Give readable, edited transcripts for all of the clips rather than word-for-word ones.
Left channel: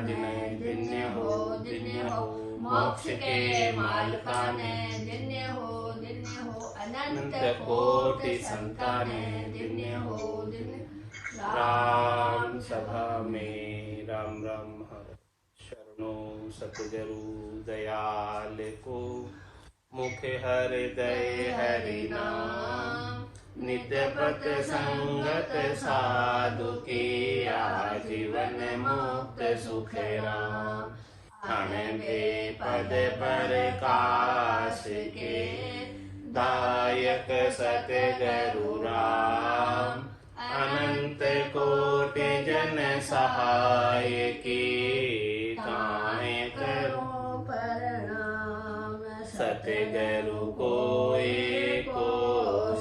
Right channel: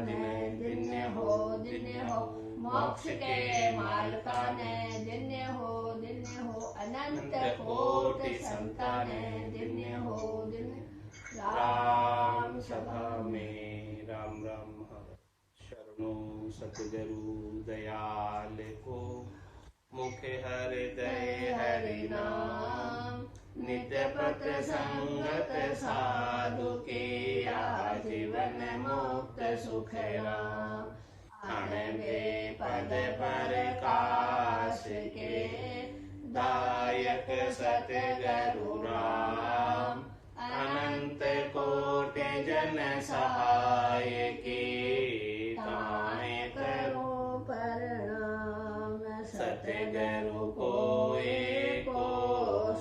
ने धन्य हो धन्य हो, मोक्ष के मालकाने धन्य हो अनंत कोटि संताने धन्य हो धन्य। राम सभा में राम राम हर शरणो सतगुरु दयाल को, मुख हृदय हरि नाम, नित्य पथ संगत साधु की, आजीवन मुक्त सुख राम। अण बेपद प्रकाश के, दायक सतगुरु राम। अनंत कोटि जन सहाय की, काहे करो प्रणाम। सतगुरु को एको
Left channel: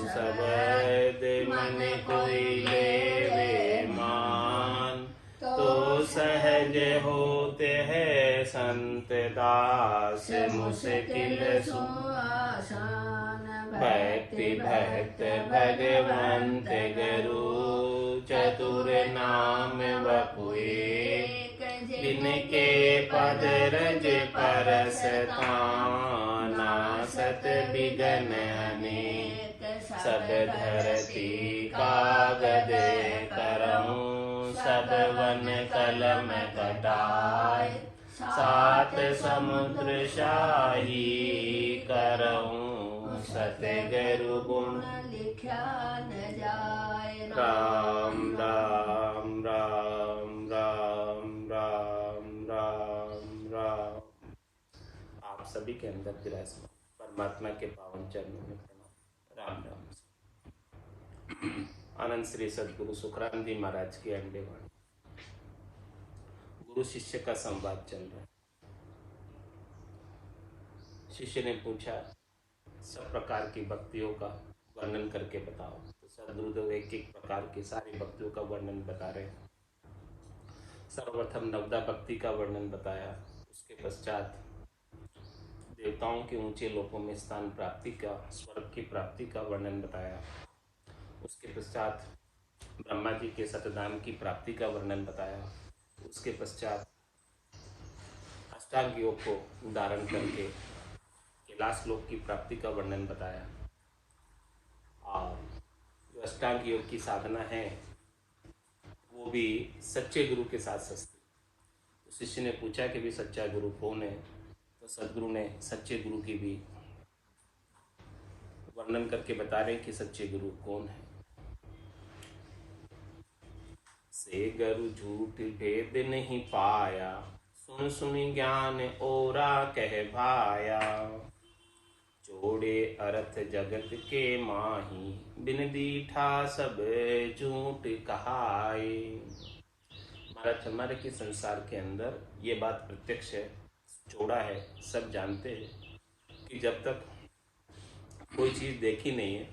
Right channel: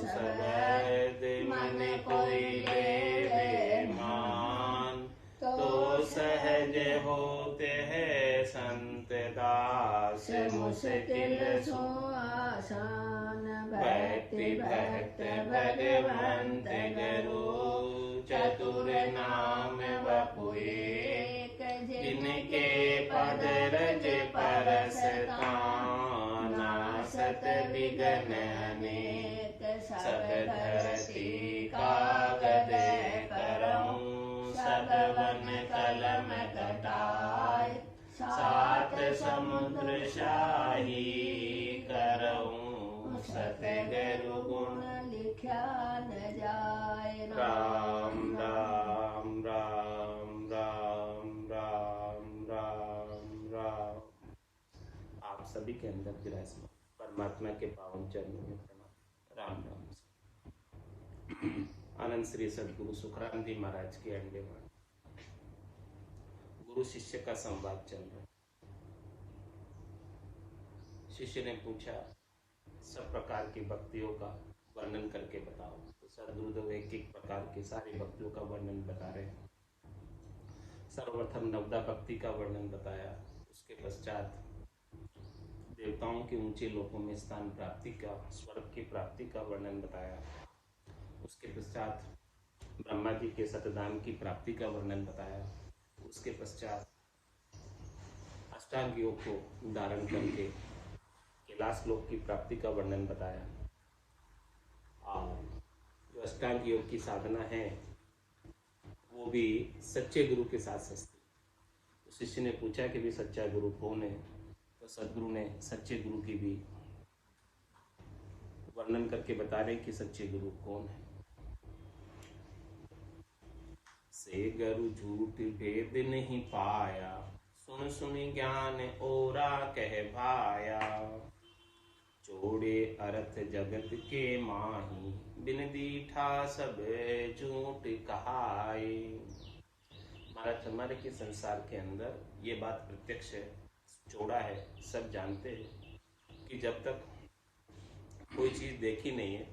शब्द मन कोई लेवे मान, तो सहज होते हैं संत दास, मुश्किल सो आसान। भक्ति भक्त भगवंत गुरु, चतुर नाम बपुए, जिनके पद रज परस ताना, सत विघ्न अनेक सब धरती कागद करऊं। सब वन कलम कटाए, सात समुद्र शाही करऊं। सतगुरु गुण लिखा न जाए, राम राम राम राम राम राम राम। आप सभी के अंदर विराजमान परमात्मा के पावन चरणों में प्रणाम। राम राम। आनंद श्री सदगुरु सुखराम जी महाराज की अंडेवाणी। गुरु शिष्य का संवाद चल रहा है। शिष्य ने पूछा, सब प्रकार की भक्तियों का वर्णन करके बताओ। तो सदगुरुदेव एक एक प्रकार के सारे भक्तियों का वर्णन बता रहे हैं। सर्वप्रथम नवदा भक्ति का वर्णन बताया, उसके पश्चात देवताओं के ऊंचे लोकों में स्थान प्राप्ति का, स्वर्ग की प्राप्ति का वर्णन बताया। उसके पश्चात ब्रह्मा जी के सतधाम की प्राप्ति का वर्णन बताया। उसके पश्चात अष्टांग योग को धारण करके कैलाश लोक की प्राप्ति का वर्णन बताया। और जो अष्टांग योग की साधना है वो भी सच्चे गुरु के साथ सस्ती। तो शिष्य ने पूछा कि भी सच्चा गुरु कौन है। तो सदगुरु ने सच्चे गुरु की भी वर्णन करके बता रहे कि सच्चे गुरु कौन है। से गुरु झूठ भेद नहीं पाया, सुन सुन ज्ञान ओरा कह भाया। जोड़े अर्थ जगत के माही, बिन दीठा सब झूठ कहाए। हमारे के संसार के अंदर ये बात प्रत्यक्ष है, जोड़ा है, सब जानते हैं कि जब तक कोई चीज देखी नहीं है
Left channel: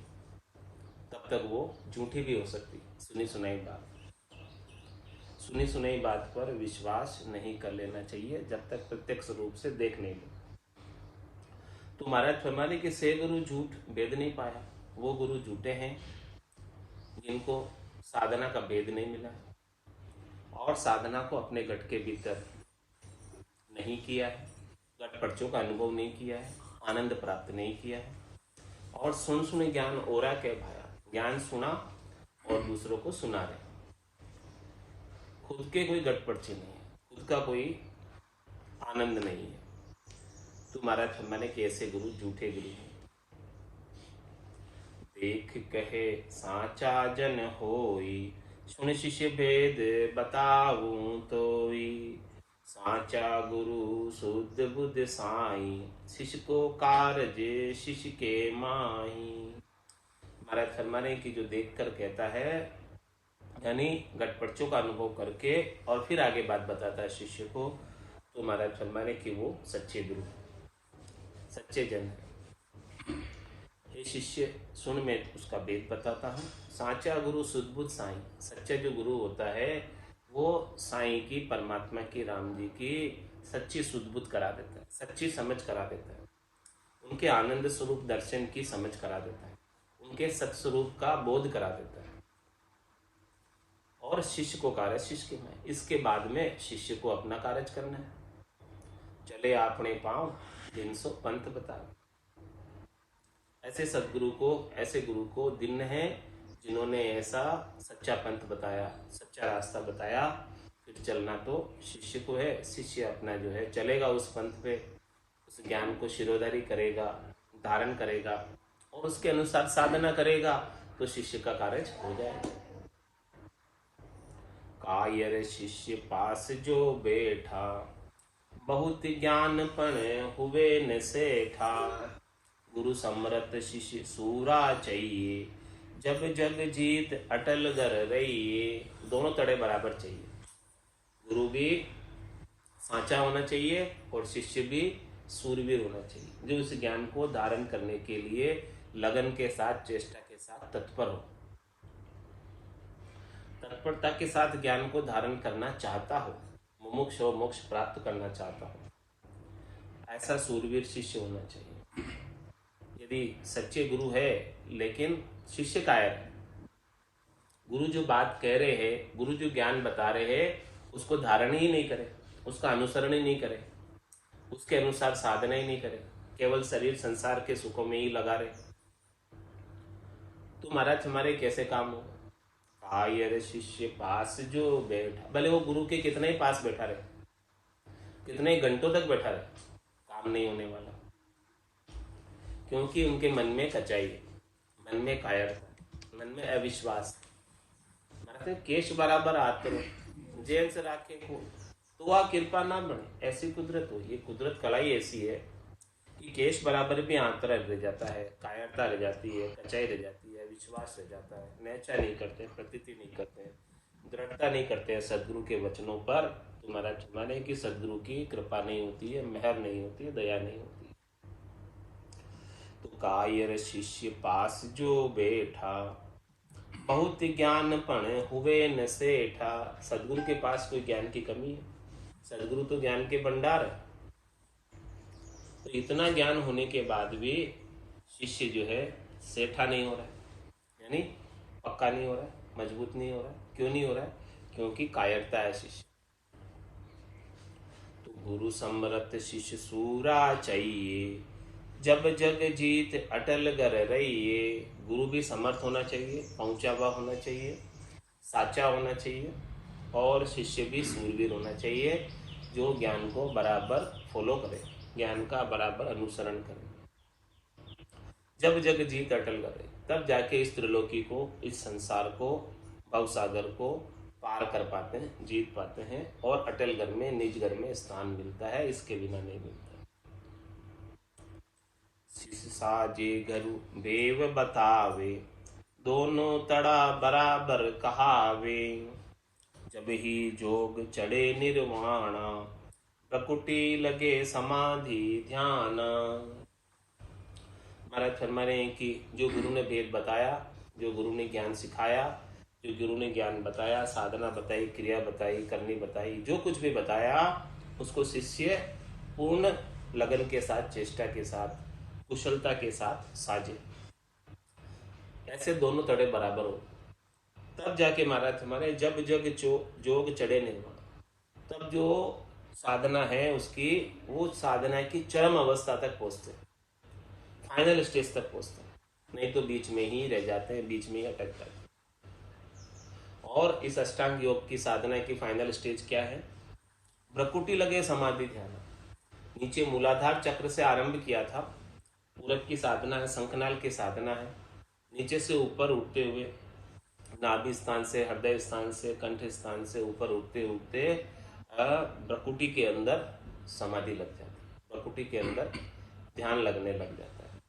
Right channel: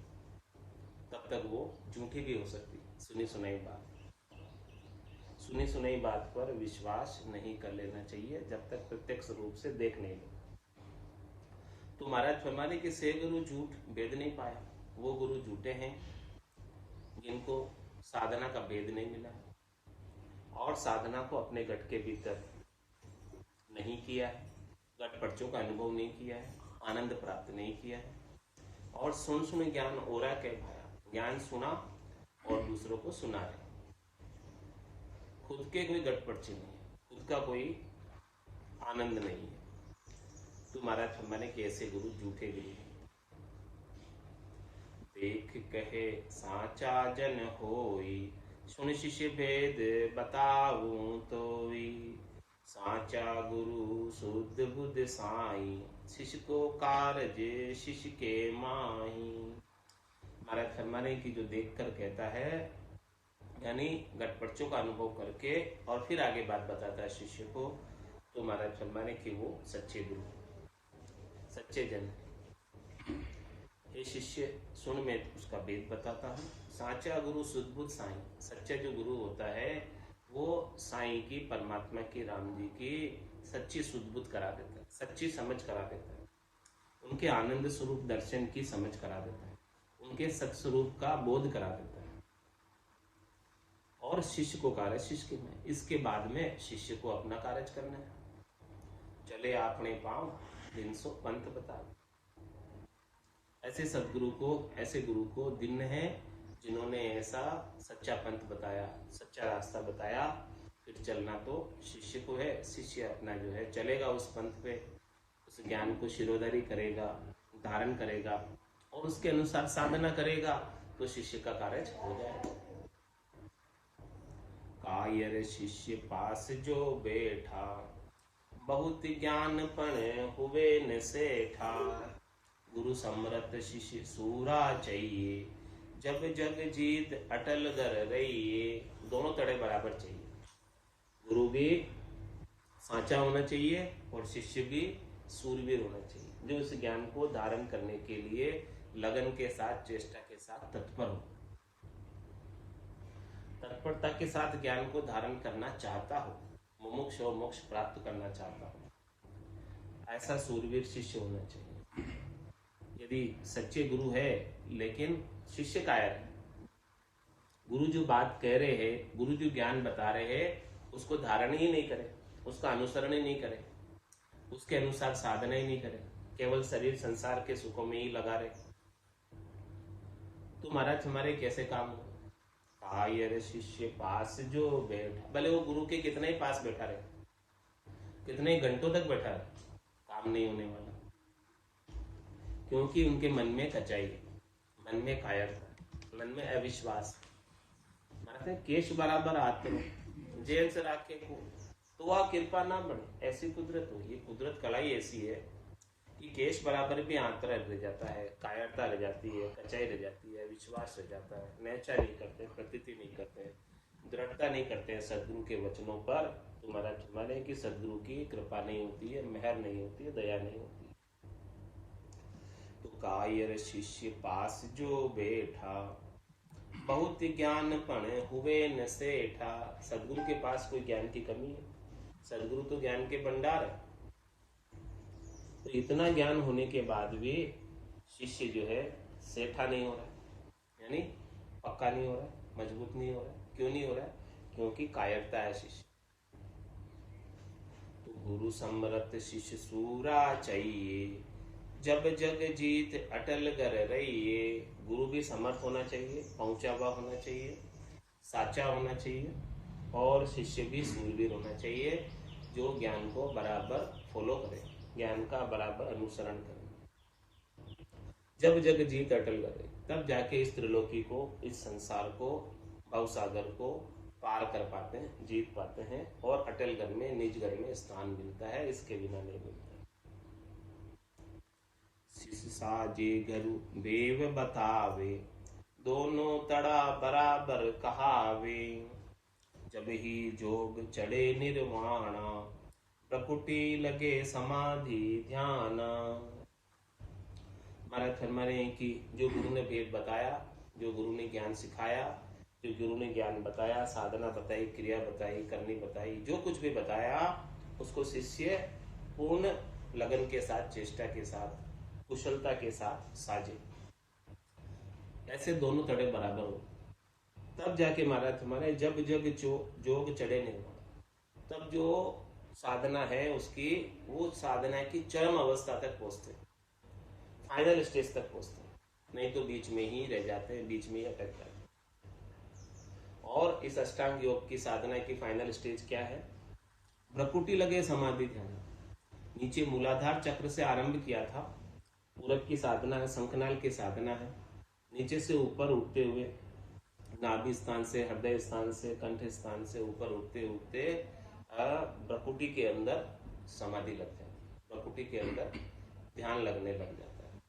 तब तक वो झूठी भी हो सकती। सुनी सुनाई बात पर विश्वास नहीं कर लेना चाहिए जब तक प्रत्यक्ष रूप से देख नहीं लो। तो महाराज फरमाने के से गुरु झूठ भेद नहीं पाया, वो गुरु झूठे हैं जिनको साधना का भेद नहीं मिला और साधना को अपने गट के भीतर नहीं किया है, गट पर्चों का अनुभव नहीं किया है, आनंद प्राप्त नहीं किया है। और सुन ज्ञान ओरा के भाया, ज्ञान सुना और दूसरों को सुना रहे। खुद के कोई गट पर्चे नहीं है, खुद का कोई आनंद नहीं है। तो महाराज फरमाने के ऐसे गुरु झूठे गुरु हैं। देख कहे साचा जन होई, सुन शिष्य भेद बताऊं तोई। साचा गुरु शुद्ध बुद्ध साई, शिष्य को कारज शिष्य के माही। महाराज फरमाने की जो देख कर कहता है, यानी घटपर्चों का अनुभव करके और फिर आगे बात बताता है शिष्य को, तो महाराज फरमाने की वो सच्चे गुरु, सच्चे जन है। हे शिष्य सुन, मैं उसका भेद बताता हूँ। साचा गुरु सुदबुद्ध साई, सच्चा जो गुरु होता है वो साईं की, परमात्मा की, राम जी की सच्ची सुदबुद्ध करा देता है, सच्ची समझ करा देता है, उनके आनंद स्वरूप दर्शन की समझ करा देता है, उनके सत्स्वरूप का बोध करा देता है। और शिष्य को कार्य शिष्य के में। इसके बाद में शिष्य को अपना कार्य करना है। चले आपने पाँव 300 पंथ बता। ऐसे सदगुरु को, ऐसे गुरु को दिन है जिन्होंने ऐसा सच्चा पंथ बताया, सच्चा रास्ता बताया। फिर चलना तो शिष्य को है। शिष्य अपना जो है चलेगा उस पंथ पे, उस ज्ञान को शिरोधारी करेगा, धारण करेगा और उसके अनुसार साधना करेगा तो शिष्य का कार्य हो जाएगा। कायर शिष्य पास जो बैठा, बहुत ज्ञान पण हुए न सेठा। गुरु समरत शिष्य सूरा चाहिए, जब जग जीत अटल गर रहिए। दोनों तड़े बराबर चाहिए। गुरु भी साचा होना चाहिए और शिष्य भी सूरवीर होना चाहिए, जो इस ज्ञान को धारण करने के लिए लगन के साथ, चेष्टा के साथ तत्पर हो, तत्परता के साथ ज्ञान को धारण करना चाहता हो, मुमुक्ष हो, मोक्ष प्राप्त करना चाहता हो। ऐसा सूरवीर शिष्य होना चाहिए। यदि सच्चे गुरु है लेकिन शिष्य कायर है, गुरु जो बात कह रहे हैं, गुरु जो ज्ञान बता रहे हैं, उसको धारण ही नहीं करे, उसका अनुसरण ही नहीं करे, उसके अनुसार साधना ही नहीं करे, केवल शरीर संसार के सुखों में ही लगा रहे, तो महाराज हमारे कैसे काम हो। कायर शिष्य पास जो बैठा, भले वो गुरु के कितने ही पास बैठा रहे, कितने घंटों तक बैठा रहे, काम नहीं होने वाला। क्योंकि उनके मन में कचाई है, मन में कायरता, मन में अविश्वास। केश बराबर हाथ करो, जेल से राखे को तो वह कृपा ना बने, ऐसी कुदरत हो। ये कुदरत कलाई ऐसी है कि केश बराबर भी आंतरा रह जाता है, कायरता रह जाती है, कचाई रह जाती है, विश्वास रह जाता है, नेचा नहीं करते, प्रतीति नहीं करते हैं, दृढ़ता नहीं करते हैं सदगुरु के वचनों पर। तुम्हारा माने कि सदगुरु की कृपा नहीं होती है, मेहर नहीं होती है, दया नहीं होती है। तो कायर शिष्य पास जो बैठा, बहुत ज्ञान पण हुए न सेठा। सदगुरु के पास कोई ज्ञान की कमी है? सदगुरु तो ज्ञान के भंडार है। तो इतना ज्ञान होने के बाद भी शिष्य जो है सेठा नहीं हो रहा है, यानी पक्का नहीं हो रहा है, मजबूत नहीं हो रहा है। क्यों नहीं हो रहा है? क्योंकि कायरता है शिष्य। तो गुरु समरत शिष्य सूरा चाहिए, जब जग जीत अटल गर रहिए। गुरु भी समर्थ होना चाहिए, पहुंचा हुआ होना चाहिए, साचा होना चाहिए और शिष्य भी सूरवीर होना चाहिए, जो ज्ञान को बराबर फॉलो करे, ज्ञान का बराबर अनुसरण करे। जब जग जीत अटल करे, तब जाके इस त्रिलोकी को, इस संसार को, भवसागर को पार कर पाते हैं, जीत पाते हैं और अटल घर में, निज घर में स्थान मिलता है। इसके बिना नहीं मिलता। साजे घरु देव बतावे, दोनों तड़ा बराबर कहावे। जब ही जोग चढ़े निर्वाणा, प्रकुटी लगे समाधि ध्यान। महाराज फरमा रहे हैं कि जो गुरु ने भेद बताया, जो गुरु ने ज्ञान सिखाया, जो गुरु ने ज्ञान बताया, साधना बताई, क्रिया बताई, करनी बताई, जो कुछ भी बताया, उसको शिष्य पूर्ण लगन के साथ, चेष्टा के साथ, कुशलता के साथ साजे। ऐसे दोनों तड़े बराबर हो, तब जाके महाराज हमारे जब जग जोग चढ़े निर्वाण, तब जो साधना है उसकी, वो साधना की चरम अवस्था तक पहुंचते, फाइनल स्टेज तक पहुंचते, नहीं तो बीच में ही रह जाते हैं, बीच में ही अटक जाते हैं। और इस अष्टांग योग की साधना की फाइनल स्टेज क्या है? भ्रकुटी लगे समाधि ध्यान। नीचे मूलाधार चक्र से आरंभ किया था, पूरब की साधना है, शंखनाल की साधना है, नीचे से ऊपर उठते हुए नाभि स्थान से, हृदय स्थान से, कंठ स्थान से ऊपर उठते उठते भ्रकुटी के अंदर समाधि लग जाती है, भ्रकुटी के अंदर ध्यान लगने लग जाता है।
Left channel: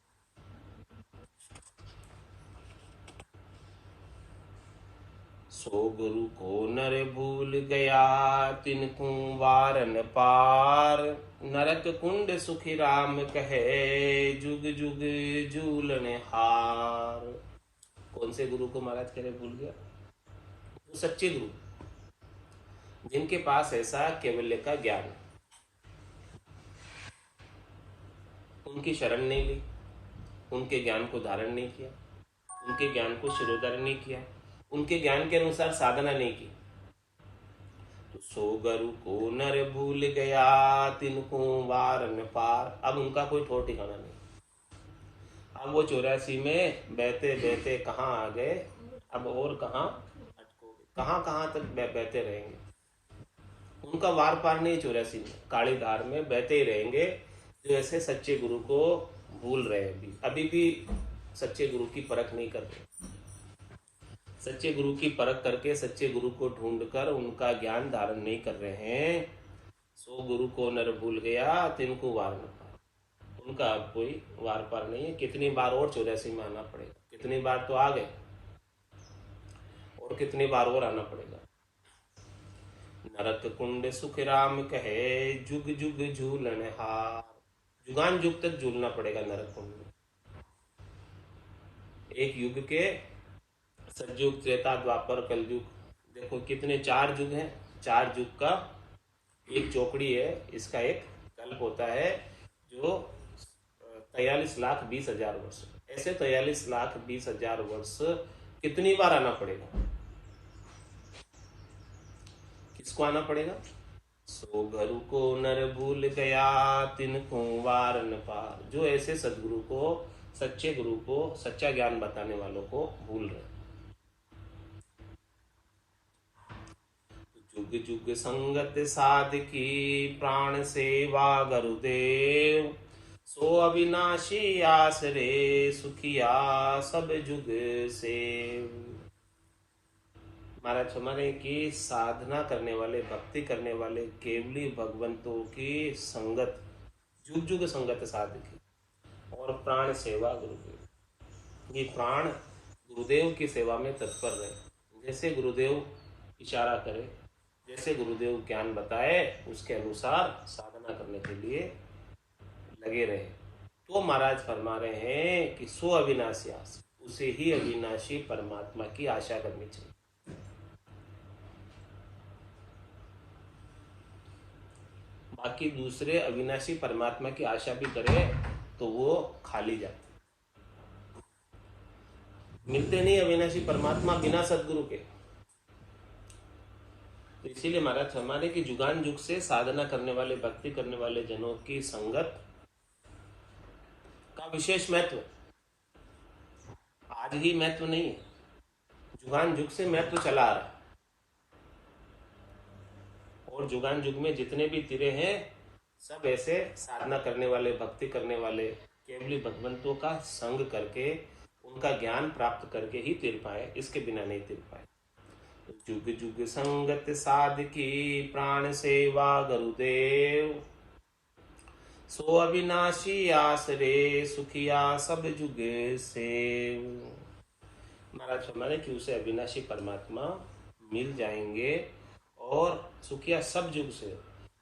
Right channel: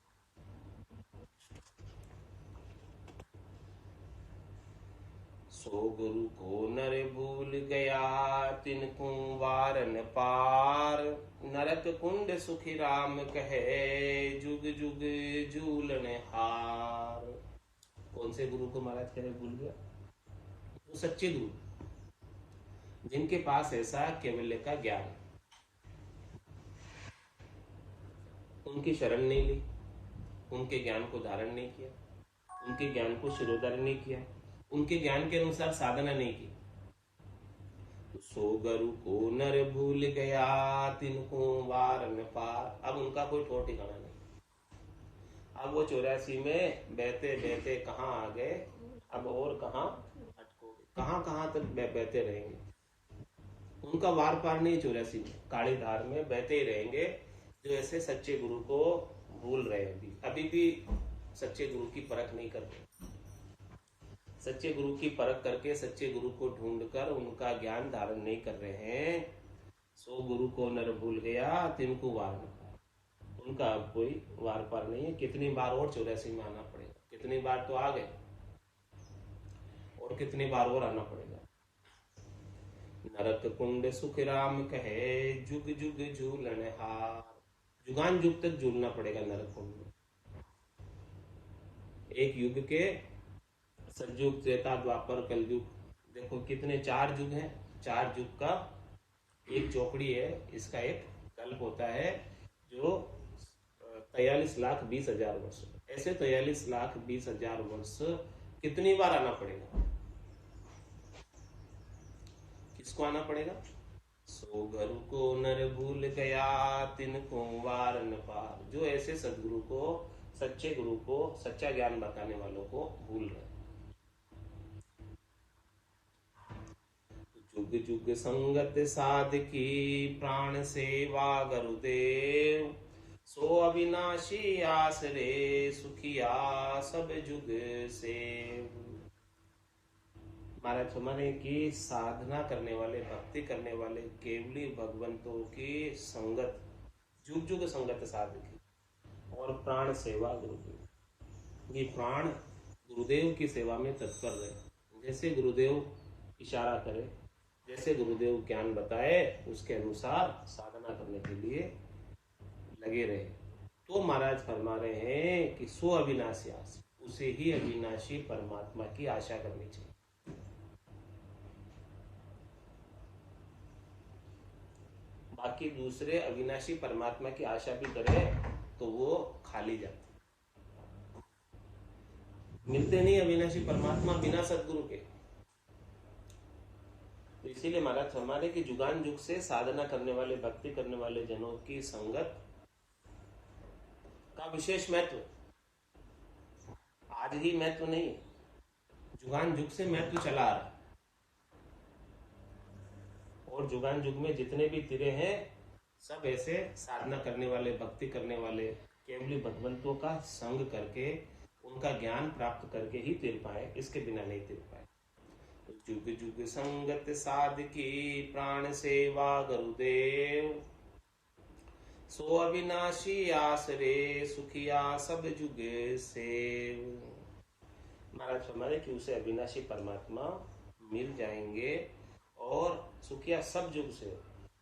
सो गुरु को नर भूल गया, तिनको वारन पार। नरक कुंड सुखी राम कहे, जुग जुग झूलन हार। कौन से गुरु को महाराज कह रहे भूल गया? तो सच्चे गुरु, जिनके पास ऐसा केवल्य का ज्ञान, उनकी शरण नहीं ली, उनके ज्ञान को धारण नहीं किया, उनके ज्ञान को शिरोधारण नहीं किया, उनके ज्ञान के अनुसार साधना नहीं की, तो सो गुरु को नर भूल गया, तिनको वार न पार। अब उनका कोई ठोर ठिकाना नहीं। अब वो 84 में बहते बहते कहाँ आ गए, अब और कहाँ अटकोगे, कहाँ कहाँ तक बहते रहेंगे। उनका वार पार नहीं, 84 में काली धार में बहते ही रहेंगे। जो ऐसे सच्चे गुरु को भूल रहे हैं, अभी भी सच्चे गुरु की परख नहीं कर रहे। सच्चे गुरु की परख करके सच्चे गुरु को ढूंढकर उनका ज्ञान धारण नहीं कर रहे हैं। सो गुरु को नर भूल गया, तिनको वार न पार। उनका अब कोई वार पार नहीं है। कितनी बार और 84 में आना पड़ेगा, कितनी बार तो आ गए और कितनी बार और आना पड़ेगा। नरक कुंड सुख राम कहे, जुग जुग झूलन हार। जुगान जुग तक झूलना पड़ेगा नरक कुंड में। एक युग के सतयुग, त्रेता, द्वापर, कलयुग, देखो कितने 4 युग हैं। 4 युग का एक चौकड़ी है, इसका एक कल्प होता है जो 43,20,000 वर्ष। ऐसे 43,20,000 वर्ष कितनी बार आना पड़ेगा, किसको आना पड़ेगा। सो गुरु को नर भूल गया, तिनको वार न पार। जो ऐसे सदगुरु को, सच्चे गुरु को, सच्चा ज्ञान बताने वालों को भूल रहे। जुग जुग संगत साधकी, प्राण सेवा गुरुदेव। सो अविनाशी आसरे, सुखिया सब जुग से। महाराज हमारे की साधना करने वाले, भक्ति करने वाले केवली भगवंतों की संगत, जुग जुग संगत साधकी, और प्राण सेवा गुरुदेव। ये प्राण गुरुदेव की सेवा में तत्पर रहे। जैसे गुरुदेव इशारा करे, जैसे गुरुदेव ज्ञान बताए, उसके अनुसार साधना करने के लिए लगे रहे। तो महाराज फरमा रहे हैं कि सो अविनाशी आस, उसे ही अविनाशी परमात्मा की आशा करनी चाहिए। बाकी दूसरे अविनाशी परमात्मा की आशा भी करे तो वो खाली जाते, मिलते नहीं अविनाशी परमात्मा बिना सदगुरु के। तो इसीलिए महाराज हमारे की जुगान जुग से साधना करने वाले, भक्ति करने वाले जनों की संगत का विशेष महत्व। आज ही महत्व नहीं है, जुगान जुग से महत्व चला आ रहा है। और जुगान जुग में जितने भी तिरे हैं, सब ऐसे साधना करने वाले, भक्ति करने वाले, केवली भगवंतों का संग करके, उनका ज्ञान प्राप्त करके ही तिर पाए, इसके बिना नहीं तिर पाए। जुग जुग संगत साधकी, प्राण सेवा गुरुदेव। सो अविनाशी आसरे, सुखिया सब जुग सेव। महाराज हमारे कि उसे अविनाशी परमात्मा मिल जाएंगे और सुखिया सब जुग से।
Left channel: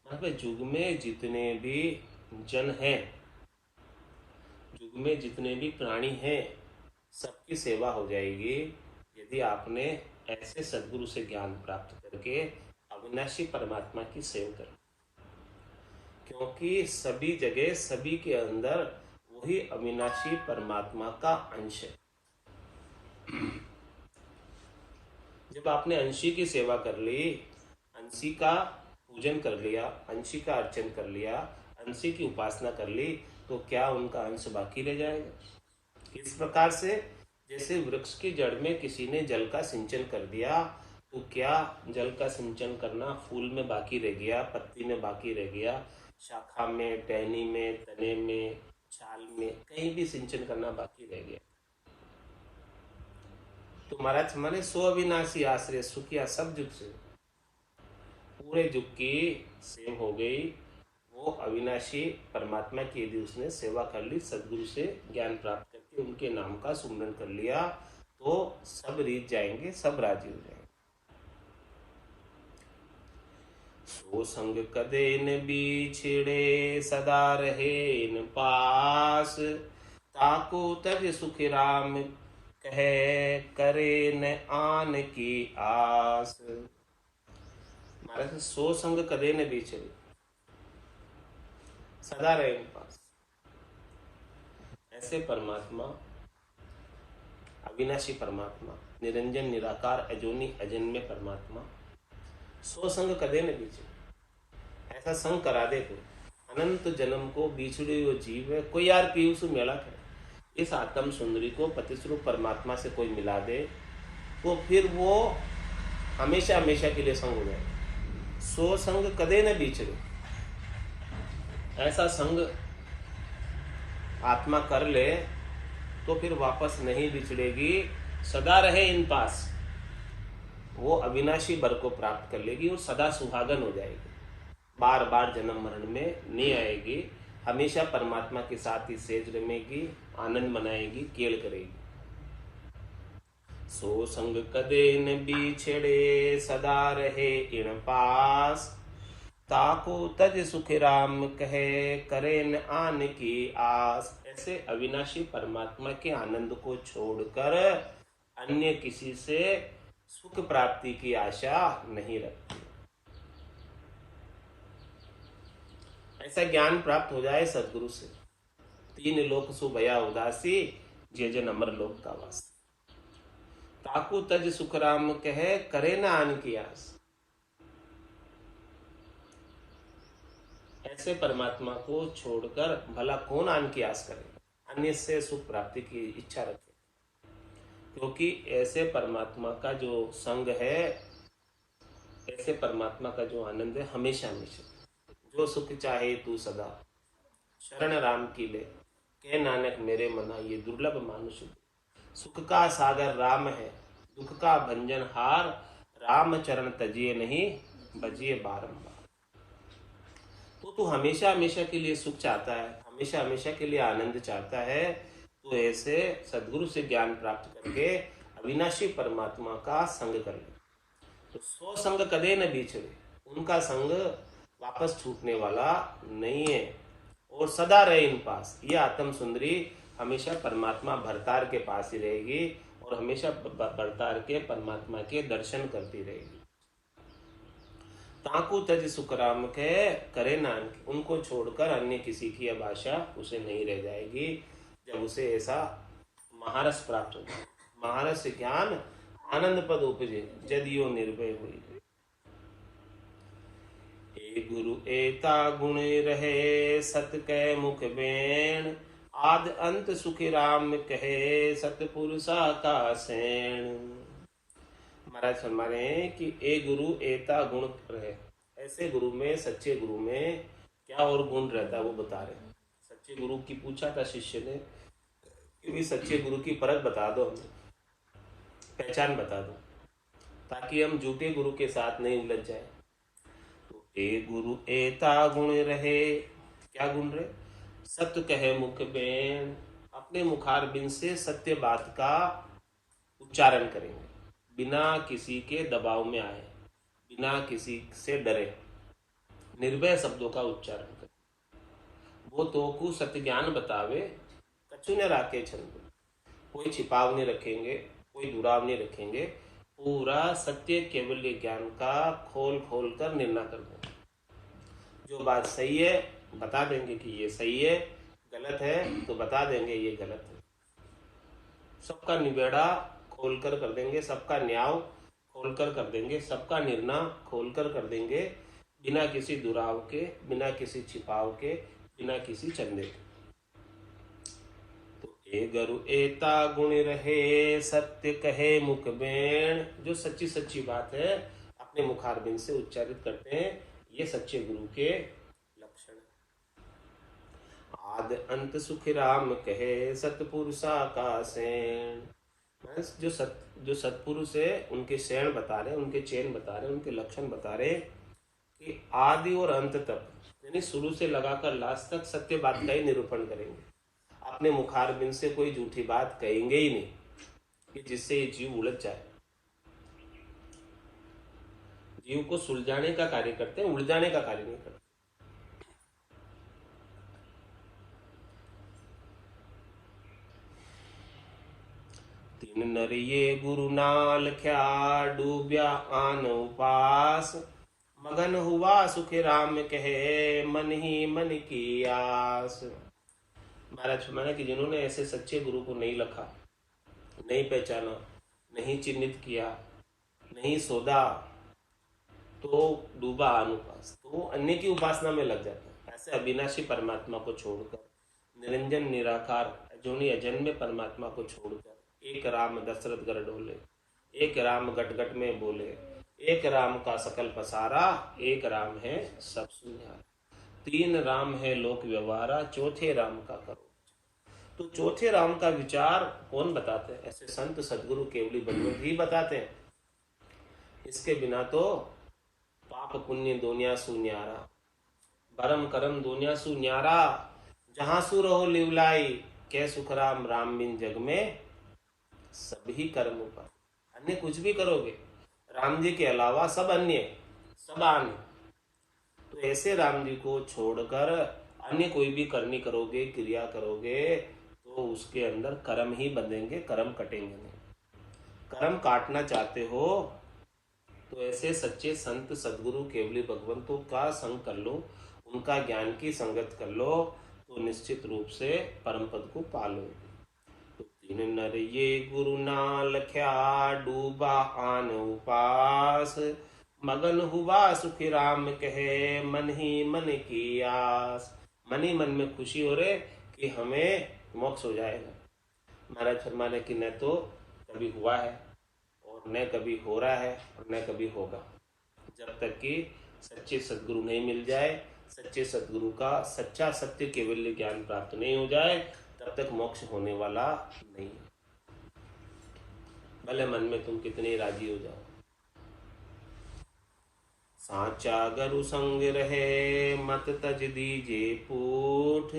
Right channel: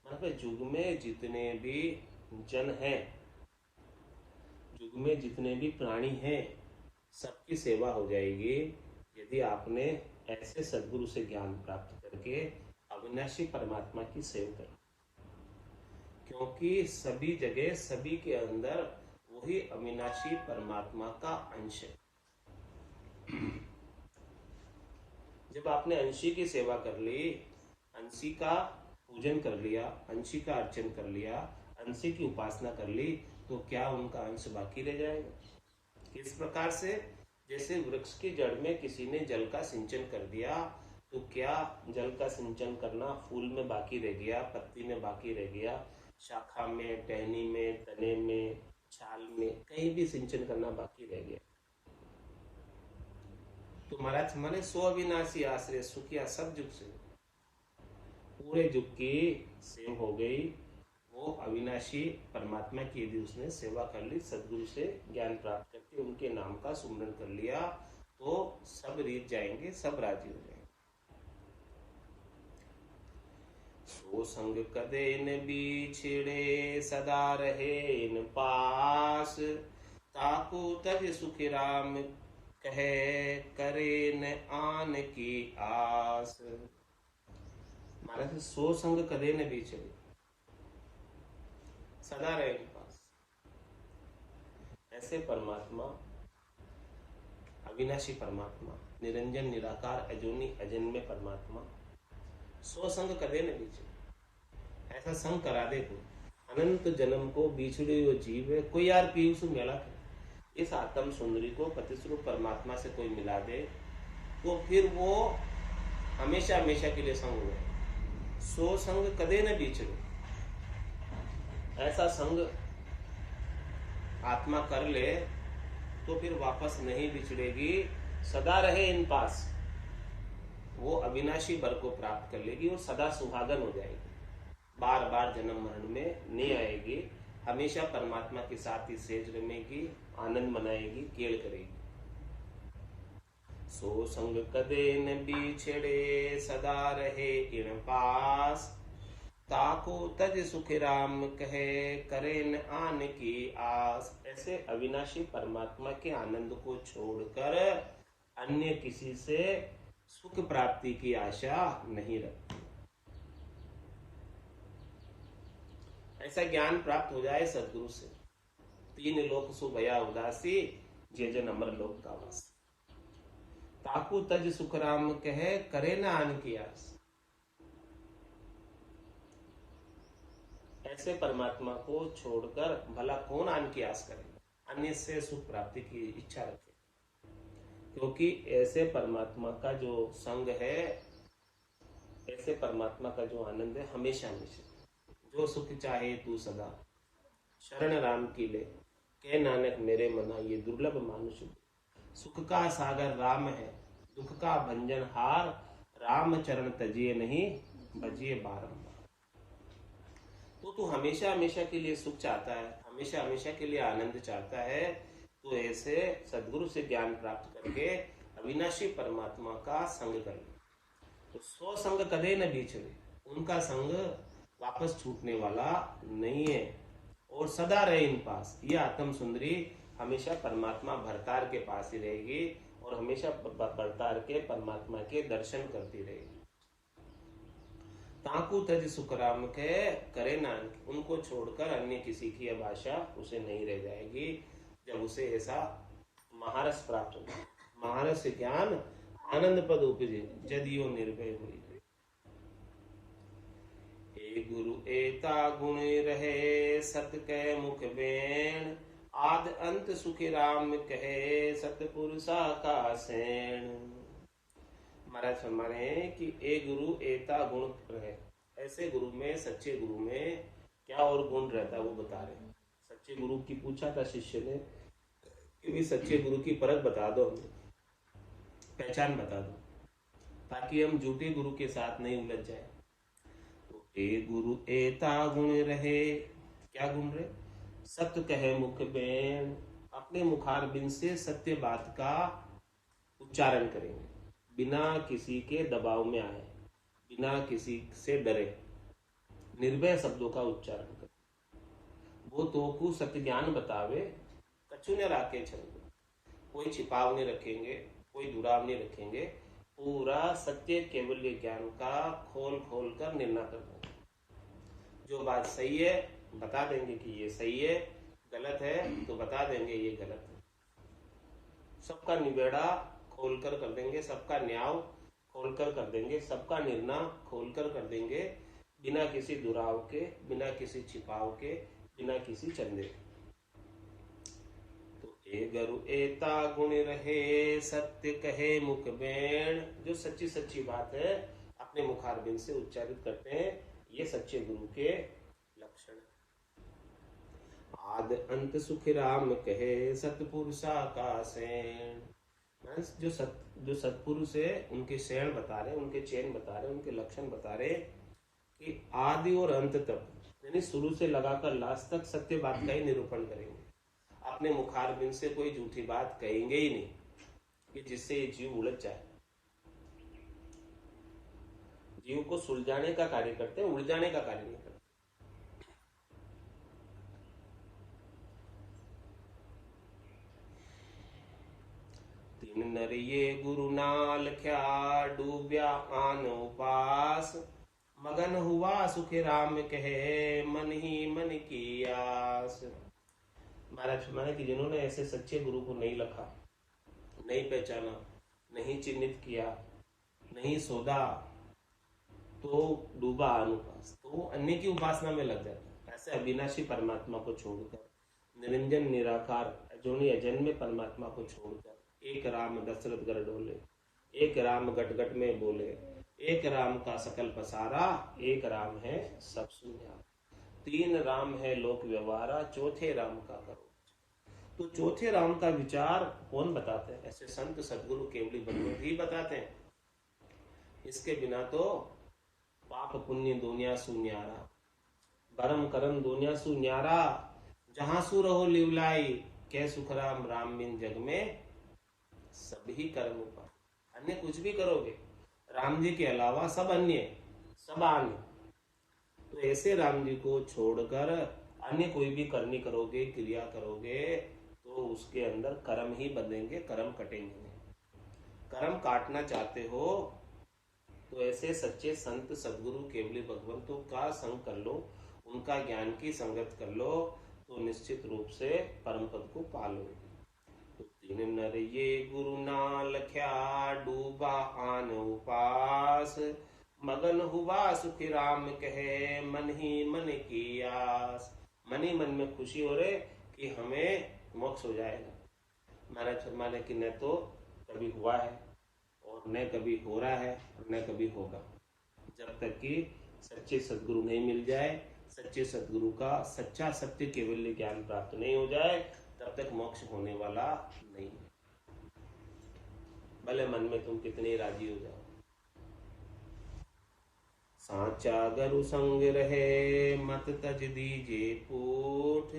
मतलब जुग में जितने भी जन हैं, युग में जितने भी प्राणी हैं, सबकी सेवा हो जाएगी यदि आपने ऐसे सदगुरु से ज्ञान प्राप्त करके अविनाशी परमात्मा की सेवा करें। क्योंकि सभी जगह, सभी के अंदर वही अविनाशी परमात्मा का अंश है। जब आपने अंशी की सेवा कर ली, अंशी का पूजन कर लिया, अंशी का अर्चन कर लिया, अंशी की उपासना कर ली, तो क्या उनका अंश बाकी रह जाएगा? किस प्रकार से? जैसे वृक्ष की जड़ में किसी ने जल का सिंचन कर दिया, तो क्या जल का सिंचन करना फूल में बाकी रह गया, पत्ती में बाकी रह गया, शाखा में, टहनी में, तने में, छाल में, कहीं भी सिंचन करना बाकी रह गया? तो महाराज हमारे सो अविनाशी आश्रय सुखिया सब जुग से, पूरे जुग की सेव हो गई। वो अविनाशी परमात्मा की यदि उसने सेवा कर ली, सदगुरु से ज्ञान प्राप्त करके उनके नाम का सुमरन कर लिया, तो सब रीत जाएंगे, सब राजी हो जाएंगे। सो संग कदे न बिछड़े, सदा रहे न पास, ताको तज सुख राम कहे, करे न आन की आस। महाराज सो संग कदे न बिछड़े, सदा रहे उनके पास। ऐसे परमात्मा, अविनाशी परमात्मा निरंजन निराकार अजोनी अजन्मे परमात्मा सो संग कदे न बीचे। ऐसा संग करा दे कोई, अनंत जन्म को बिछड़े हुए जीव है कोई यार पीयूष मेला करे, इस आत्म सुंदरी को पतिस्वरूप परमात्मा से कोई मिला दे तो फिर वो हमेशा हमेशा के लिए संग हो जाए। सो संग कदे न बिछड़े, ऐसा संग आत्मा कर ले तो फिर वापस नहीं बिछड़ेगी, सदा रहे इन पास, वो अविनाशी वर को प्राप्त कर लेगी और सदा सुहागन हो जाएगी, बार बार जन्म मरण में नहीं आएगी, हमेशा परमात्मा के साथ ही सेज रमेगी, आनंद मनाएगी, केल करेगी। सो संग कदे न बिछड़े सदा रहे इन पास, ताको तज सुख राम कहे करे न आन की आस। ऐसे अविनाशी परमात्मा के आनंद को छोड़कर अन्य किसी से सुख प्राप्ति की आशा नहीं रखती। ऐसा ज्ञान प्राप्त हो जाए सदगुरु से, तीन लोक सु भया उदासी, जे जन अमर लोक का वास। ताकू तज सुख राम कहे करे न आन की आस। ऐसे परमात्मा को छोड़कर भला कौन आन की आस करे, अन्य से सुख प्राप्ति की इच्छा रखे, क्योंकि ऐसे परमात्मा का जो संग है, ऐसे परमात्मा का जो आनंद है हमेशा हमेशा, जो सुख चाहे तू सदा शरण राम की ले, कह नानक मेरे मना ये दुर्लभ मानुष। सुख का सागर राम है, दुख का भंजन हार, राम चरण तजिए नहीं बजिए बारंबार। तो तू हमेशा हमेशा के लिए सुख चाहता है, हमेशा हमेशा के लिए आनंद चाहता है, तो ऐसे सदगुरु से ज्ञान प्राप्त करके अविनाशी परमात्मा का संग कर ले। तो सो संग कदे न बिछड़े, उनका संग वापस छूटने वाला नहीं है, और सदा रहे इन पास। ये आत्म सुंदरी हमेशा परमात्मा भरतार के पास ही रहेगी और हमेशा भरतार के परमात्मा के दर्शन करती रहेगी। ताकू तज सुख राम के करे नान, उनको छोड़कर अन्य किसी की अब आशा उसे नहीं रह जाएगी, जब उसे ऐसा महारस प्राप्त हो जाए। महारस ज्ञान आनंद पद उपजे, जदियो निर्भय हुई। ए गुरु एता गुण रहे सत कै मुख बेण, आद अंत सुख राम कहे सतपुरुषा का सैण। महाराज फरमा रहे हैं कि ए गुरु एता गुण रहे, ऐसे गुरु में, सच्चे गुरु में क्या और गुण रहता है वो बता रहे हैं। सच्चे गुरु की पूछा था शिष्य ने कि भी सच्चे गुरु की परख बता दो, हमें पहचान बता दो, ताकि हम झूठे गुरु के साथ नहीं उलझ जाए। तो ए गुरु एता गुण रहे, क्या गुण रहे? सत्य कहे मुख बेन, अपने मुखार बिन से सत्य बात का उच्चारण करेंगे, बिना किसी के दबाव में आए, बिना किसी से डरे, निर्भय शब्दों का उच्चारण करें। वो तो को सत्य ज्ञान बतावे, कछु न राखे छंद, कोई छिपाव नहीं रखेंगे, कोई दुराव नहीं रखेंगे, पूरा सत्य केवल ज्ञान का खोल खोल कर निर्णय कर देंगे। जो बात सही है बता देंगे कि ये सही है, गलत है तो बता देंगे ये गलत है। सबका निबेड़ा खोलकर कर देंगे, सबका न्याय खोलकर कर देंगे, सबका निर्णय खोलकर कर देंगे, बिना किसी दुराव के, बिना किसी छिपाव के, बिना किसी चंदे के। तो ए गुरु एता गुण रहे सत्य कहे मुख बेण, जो सच्ची सच्ची बात है अपने मुखारबिंद से उच्चारित करते हैं, ये सच्चे गुरु के लक्षण है। आद अंत सुख राम कहे सतपुरुषा का सैण, जो सतपुरुष है उनके शैण बता रहे, उनके चैन बता रहे, उनके लक्षण बता रहे कि आदि और अंत तक, यानी शुरू से लगाकर लास्ट तक सत्य बात का ही निरूपण करेंगे। अपने मुखारबिंद से कोई झूठी बात कहेंगे ही नहीं कि जिससे ये जीव उलझ जाए। जीव को सुलझाने का कार्य करते हैं, उलझाने का कार्य नहीं करते। तीन नर ये गुरु नाल ख्या, डूब्या आन उपास, मगन हुआ सुख राम कहे मन ही मन की आस। महाराज फरमाने कि जिन्होंने ऐसे सच्चे गुरु को नहीं लखा, नहीं पहचाना, नहीं चिन्हित किया, नहीं सोधा, तो डूबा अनुपास, तो अन्य की उपासना में लग जाता है। ऐसे अविनाशी परमात्मा को छोड़कर, निरंजन निराकार अजोनी अजन्मे परमात्मा को छोड़कर, एक राम दशरथ गर डोले, एक राम गट गट में बोले, एक राम का सकल पसारा, एक राम है सब सुनिहारा, तीन राम है लोक व्यवहारा, चौथे राम का करो। तो चौथे राम का विचार कौन बताते हैं? ऐसे संत सदगुरु केवली भगवत ही बताते हैं। इसके बिना तो पाप पुण्य दुनिया सुन्यारा, परम करम दुनिया सुन्यारा, जहां सु रहो लिवलाई, कै सुख राम राम बिन जग में सभी कर्म पर। अन्य कुछ भी करोगे, राम जी के अलावा सब अन्य, सब अन्य, तो ऐसे राम जी को छोड़कर अन्य कोई भी करनी करोगे, क्रिया करोगे, तो उसके अंदर कर्म ही बंधेंगे, कर्म कटेंगे नहीं। कर्म काटना चाहते हो तो ऐसे सच्चे संत सदगुरु केवली भगवंतों का संग कर लो, उनका ज्ञान की संगत कर लो, तो निश्चित रूप से परम पद को पालो। तो तीन नर ये गुरु ना लख्या, डूबा आन उपास, मगन हुआ सुखी राम कहे, मन ही मन की आस। मन ही मन में खुशी हो रहे कि हमें मोक्ष हो जाएगा। महाराज फरमाने की न तो कभी हुआ है, और न कभी हो रहा है, और न कभी होगा। जब तक कि सच्चे सदगुरु नहीं मिल जाए, सच्चे सदगुरु का सच्चा सत्य केवल ज्ञान प्राप्त नहीं हो जाए, तब तक मोक्ष होने वाला नहीं। भले मन में तुम कितने राजी हो जाओ। साचा गुरु संग रहे, मत तज दीजे पूठ,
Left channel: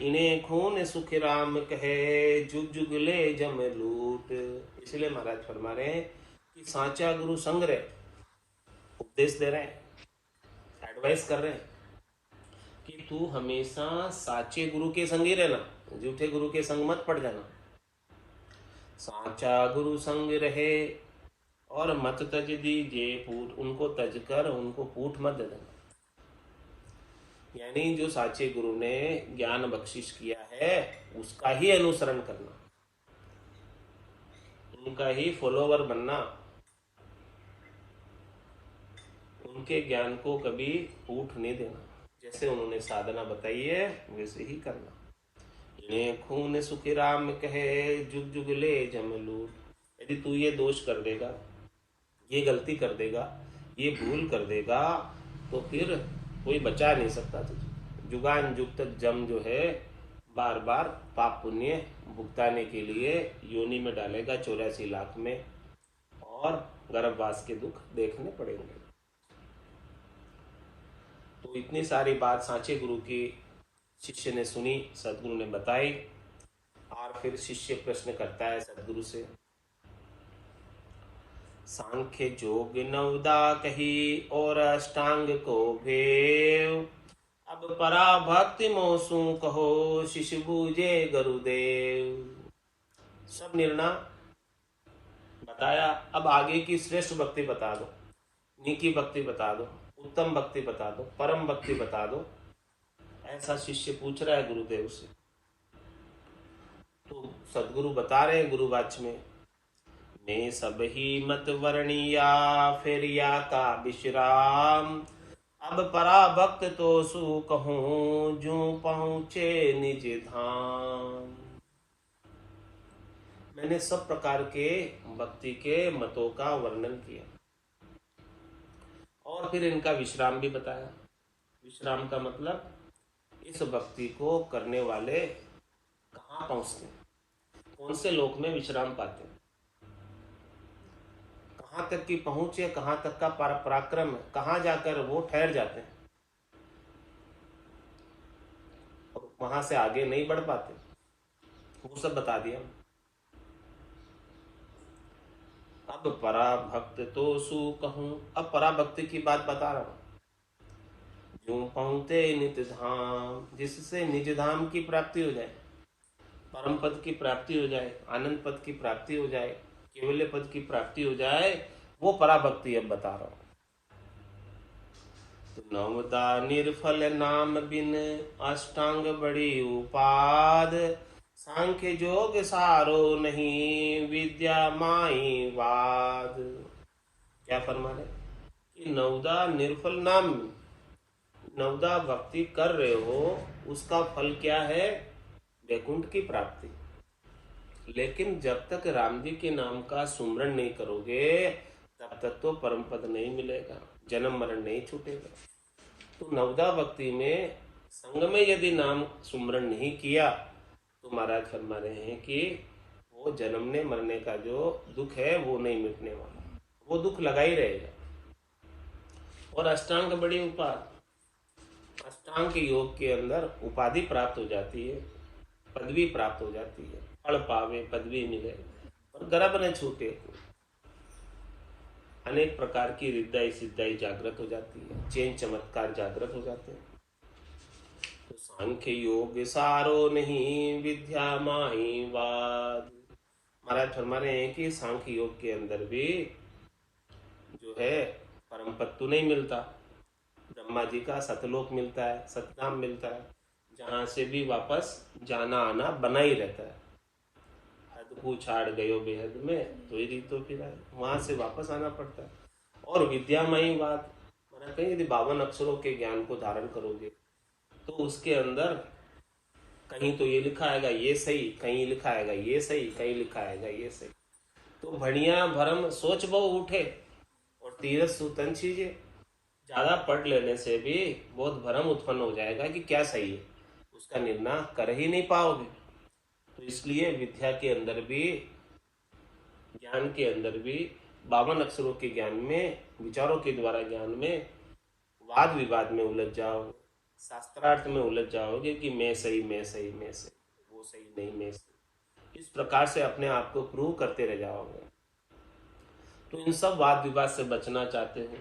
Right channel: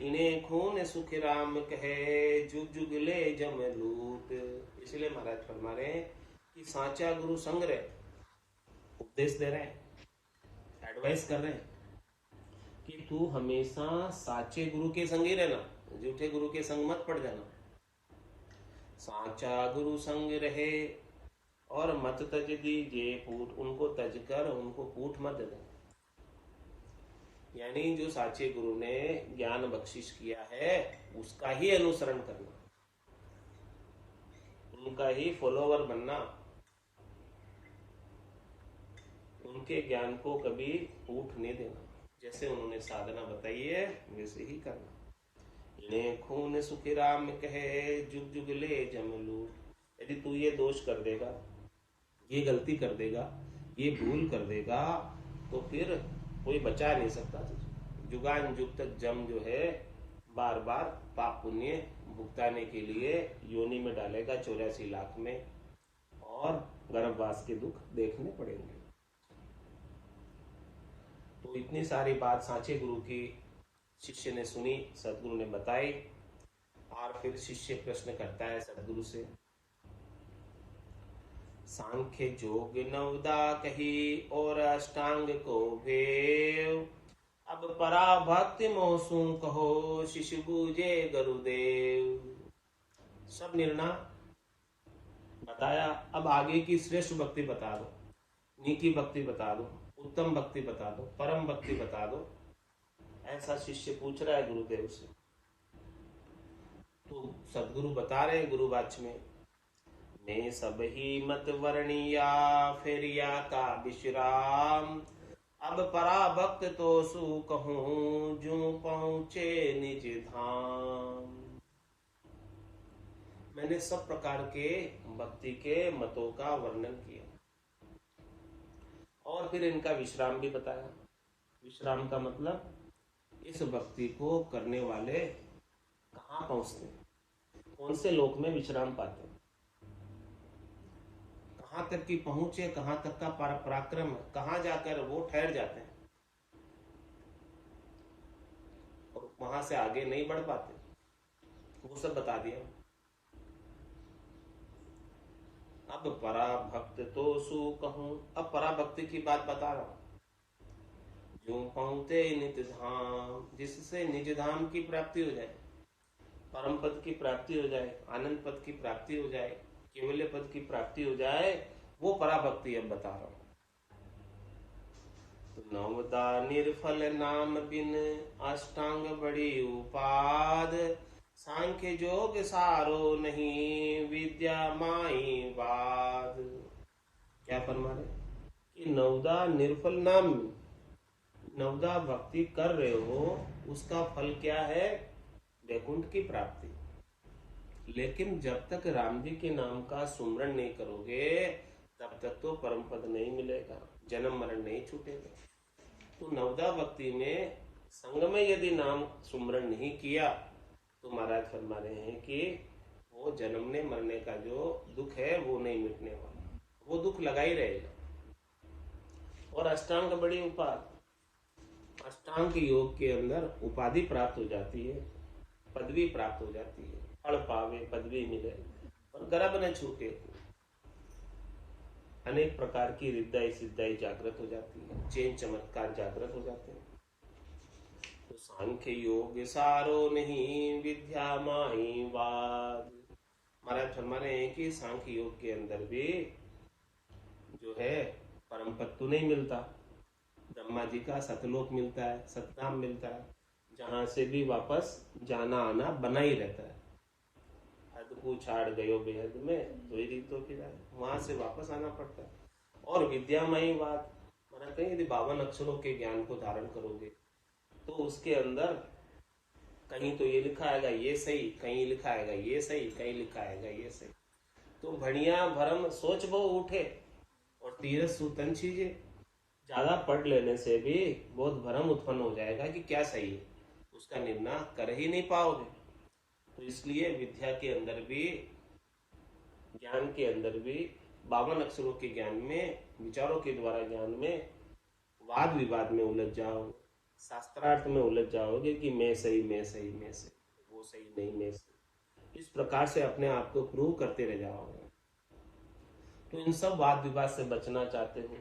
इन्हें खून सुख राम कहे, जुग जुग ले जम लूट। इसलिए महाराज फरमा रहे हैं कि साचा गुरु संग रहे, उपदेश दे रहे हैं, एडवाइस कर रहे हैं कि तू हमेशा साचे गुरु के संग ही रहना, झूठे गुरु के संग मत पड़ जाना। साचा गुरु संग रहे और मत तज दीजे पूठ, उनको तज कर उनको पूठ मत दे देना। यानी जो साचे गुरु ने ज्ञान बख्शिश किया है उसका ही अनुसरण करना, उनका ही फॉलोवर बनना, उनके ज्ञान को कभी पूठ नहीं देना। जैसे उन्होंने साधना बताई है वैसे ही करना। इन्हें खून सुखी राम कहे, जुग जुग ले जम लूट। यदि तू ये दोष कर देगा, ये गलती कर देगा, ये भूल कर देगा, तो फिर कोई बचा नहीं सकता तुझे। जुगान जुग तक जम जो है बार बार पाप पुण्य भुगताने के लिए योनि में डालेगा 84 लाख में, और गर्भवास के दुख देखने पड़ेंगे। तो इतनी सारी बात सांचे गुरु की शिष्य ने सुनी, सदगुरु ने बताई, और फिर शिष्य प्रश्न करता है सदगुरु से, सांख्य जोग नवदा कही और अष्टांग को भेव, अब परा भक्ति मोसू कहो, शिष्य बूझे गुरुदेव। सब निर्णय बताया, अब आगे की श्रेष्ठ भक्ति बता दो, नीकी भक्ति बता दो, उत्तम भक्ति बता दो, परम भक्ति बता दो। ऐसा शिष्य पूछ रहा है गुरुदेव से। तो सदगुरु बता रहे हैं गुरुवाच में, मैं सब ही मत वर्णिया, फेरिया का विश्राम, अब परा भक्त तो सु कहूं, जो पहुंचे निज धाम। मैंने सब प्रकार के भक्ति के मतों का वर्णन किया, और फिर इनका विश्राम भी बताया। विश्राम का मतलब इस भक्ति को करने वाले कहाँ पहुंचते हैं, कौन से लोक में विश्राम पाते हैं, कहाँ तक की पहुंच है, कहाँ तक का पराक्रम है, कहाँ जाकर वो ठहर जाते हैं और वहां से आगे नहीं बढ़ पाते, वो सब बता दिया। अब परा भक्त तो सु कहूं, अब परा भक्ति की बात बता रहा हूं। जो पहुंचे निज धाम, जिससे निज धाम की प्राप्ति हो जाए, परम पद की प्राप्ति हो जाए, आनंद पद की प्राप्ति हो जाए, केवल्य पद की प्राप्ति हो जाए, वो पराभक्ति अब बता रहा हूं। तो नवदा निर्फल नाम बिन, अष्टांग बड़ी उपाद, सांख्य जोग सारो नहीं, विद्या माई वाद। क्या फरमा रहे कि नवदा निर्फल नाम, नवदा भक्ति कर रहे हो, उसका फल क्या है? वैकुंठ की प्राप्ति। लेकिन जब तक राम जी के नाम का सुमरण नहीं करोगे, तब तक तो परम पद नहीं मिलेगा, जन्म मरण नहीं छूटेगा। तो नवदा भक्ति में संग में यदि नाम सुमरण नहीं किया, तो महाराज फरमा रहे हैं कि वो जन्मने मरने का जो दुख है वो नहीं मिटने वाला, वो दुख लगा ही रहेगा। और अष्टांग बड़ी उपाधि, अष्टांग योग के अंदर उपाधि प्राप्त हो जाती है, पदवी प्राप्त हो जाती है, फल पावे पदवी मिले और गर्भ न छूटे, अनेक प्रकार की रिद्धाई सिद्धाई जागृत हो जाती है, चैन चमत्कार जागृत हो जाते हैं। तो सांख्य योग सारो नहीं, विद्या माई वाद। महाराज फरमा रहे हैं कि सांख्य योग के अंदर भी जो है परम पद तो नहीं मिलता। ब्रह्मा जी का सतलोक मिलता है, सतनाम मिलता है, जहां से भी वापस जाना आना बना ही रहता है। हद छाड़ गयो बेहद में, तो ही रीतो फिर वहां से वापस आना पड़ता है। और विद्यामयी बात मैंने कही, यदि 52 अक्षरों के ज्ञान को धारण करोगे तो उसके अंदर कहीं तो ये लिखा आएगा ये सही, कहीं लिखा आएगा ये सही, कहीं लिखा आएगा ये सही। तो भणिया भरम सोच बहु उठे और तीरथ सुतन चीजे। ज्यादा पढ़ लेने से भी बहुत भरम उत्पन्न हो जाएगा कि क्या सही है, उसका निर्णय कर ही नहीं पाओगे। तो इसलिए विद्या के अंदर भी, ज्ञान के अंदर भी 52 अक्षरों के ज्ञान में, विचारों के द्वारा ज्ञान में वाद विवाद में उलझ जाओ, शास्त्रार्थ में उलझ जाओगे कि मैं सही मैं सही मैं सही, वो सही नहीं मैं सही, इस प्रकार से अपने आप को प्रूव करते रह जाओगे। तो इन सब वाद विवाद से बचना चाहते हो